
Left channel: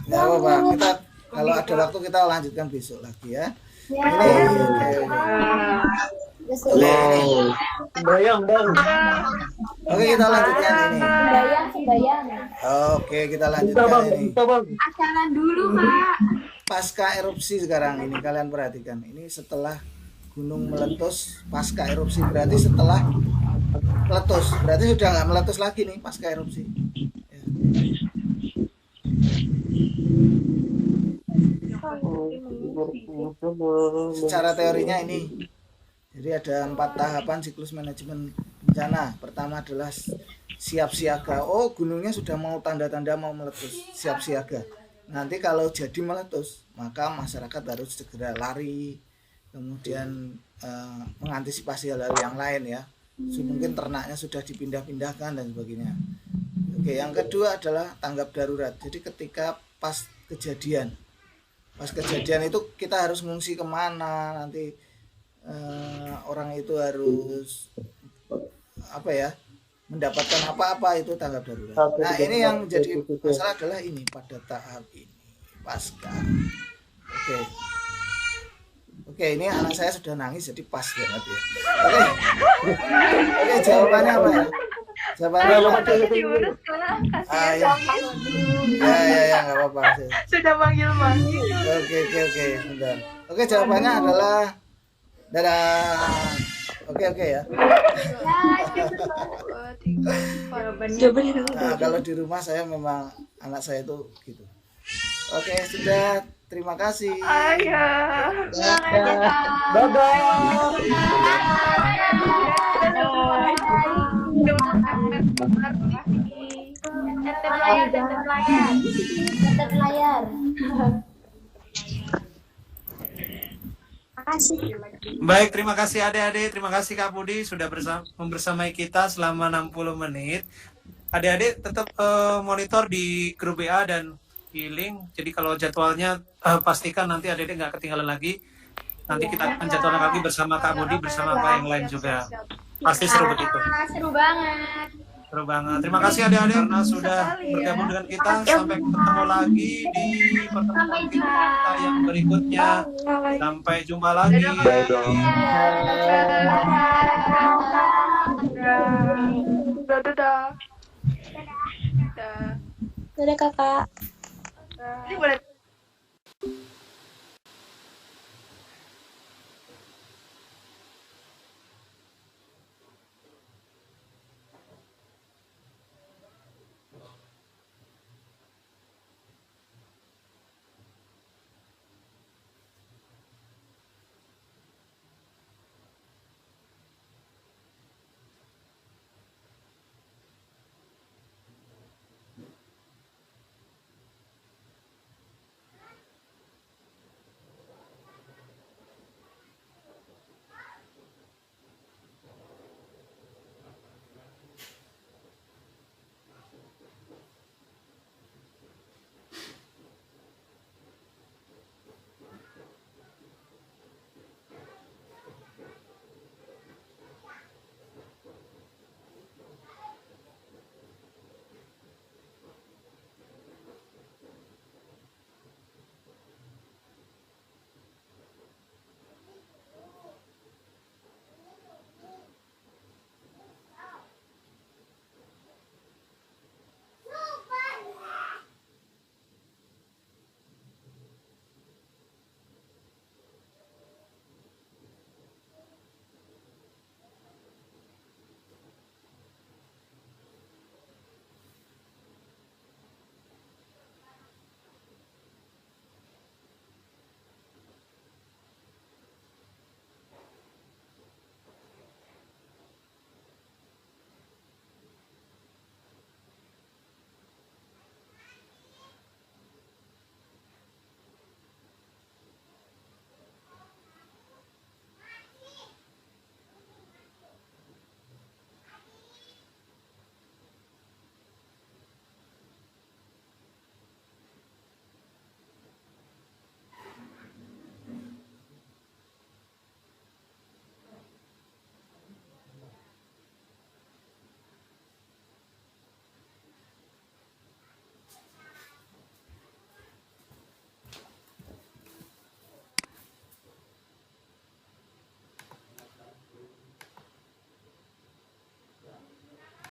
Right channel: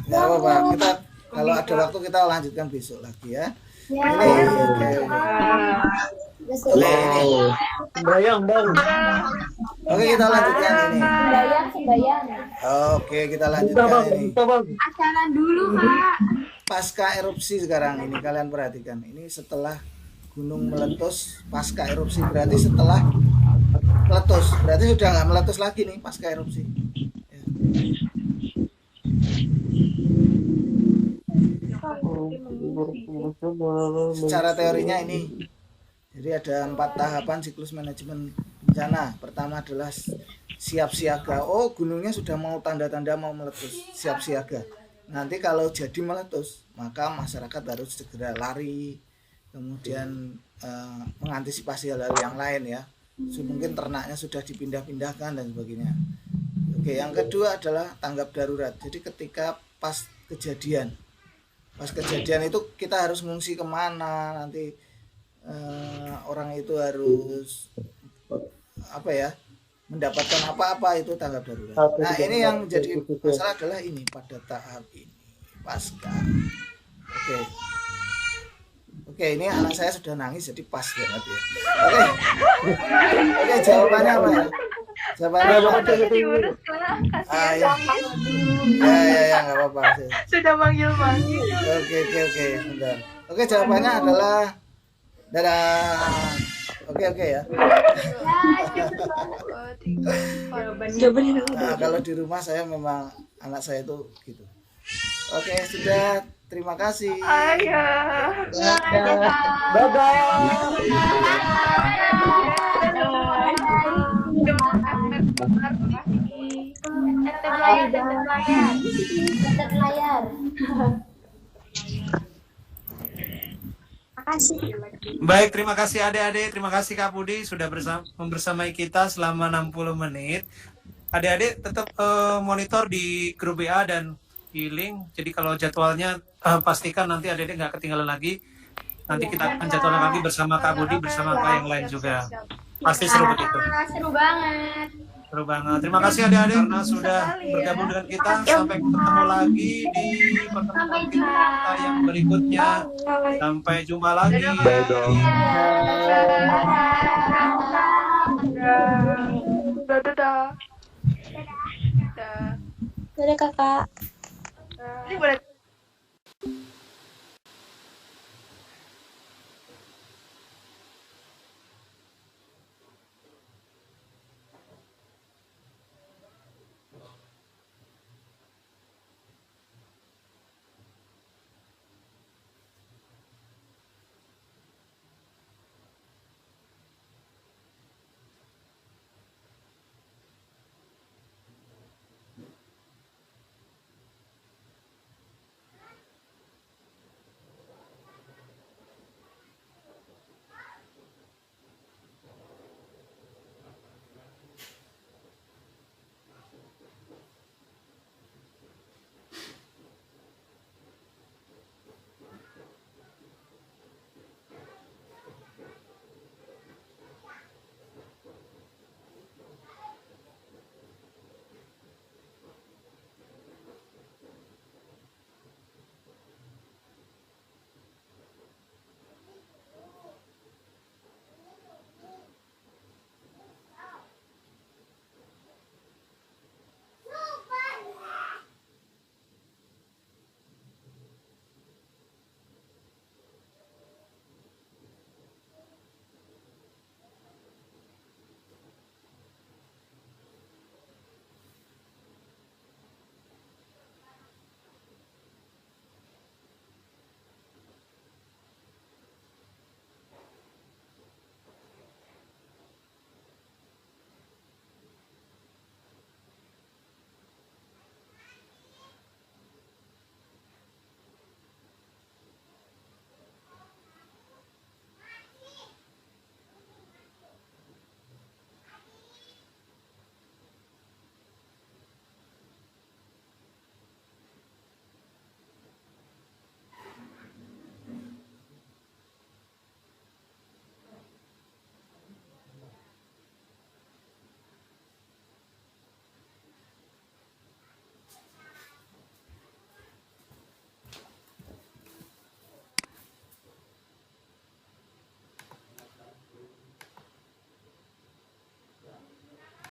Nggak apa-apa. Kita kalau ada waktu kita lanjutkan besok lagi ya. Ini oke. Ini. Bayang bang. Oke, kita lanjutkan ini. Sembayang. Oke, kita lanjutkan ini. Kita bang. Acara dulu, Kak. Pasca erupsi sekarang ini kalian perhatikan. Ini setelah gunung meletus, pasca erupsi berarti setelah meletus. Berarti sudah nggak meletus lagi nih pasca erupsi. Ya. Secara teorinya ini, jadi ada 4 tahapan siklus manajemen bencana. Pertama adalah siap siaga. Oh, gunungnya sudah mau tanda-tanda mau meletus, siap siaga. Nanti kalau jadi meletus, maka masyarakat harus segera lari, kemudian mengantisipasi hal-hal yang lain ya. Mungkin ternaknya sudah dipindah-pindahkan dan sebagainya. Oke, yang kedua adalah tanggap darurat. Jadi ketika pas kejadian itu kita harus mengungsi kemana, nanti orang itu harus mendapatkan apa-apa, itu tanggap darurat. Nah, ini yang jadi masalah adalah ini pada tahap ini pasca. Oke, ini anak saya sudah nangis jadi pas banget ya. Oke, jawabannya apa ya? Jawabannya apa? Ya, nggak apa-apa. Sudah manggil-manggil. Oke, sebentar. Oke, jawabannya adalah dadah. Oke ya. Nah, kalau di rumah saya memang anak saya itu gitu. Oke, sudah. Terima kasih. Tetap layar. Baik, terima kasih adik-adik, terima kasih Kak Budi sudah membersamai kita selama 60 menit. Adik-adik tetap monitor di grup BA dan di link. Jadi kalau jadwalnya pastikan nanti adik-adik nggak ketinggalan lagi. Nanti kita akan jadwalkan lagi bersama Kak Budi, bersama Kak yang lain juga. Pasti seru begitu. Seru banget. Seru banget. Terima kasih adik-adik karena sudah bergabung dengan kita. Sampai ketemu lagi di pertemuan kita yang berikutnya. Sampai jumpa lagi. Dadah. Dadah, Kakak. Ini boleh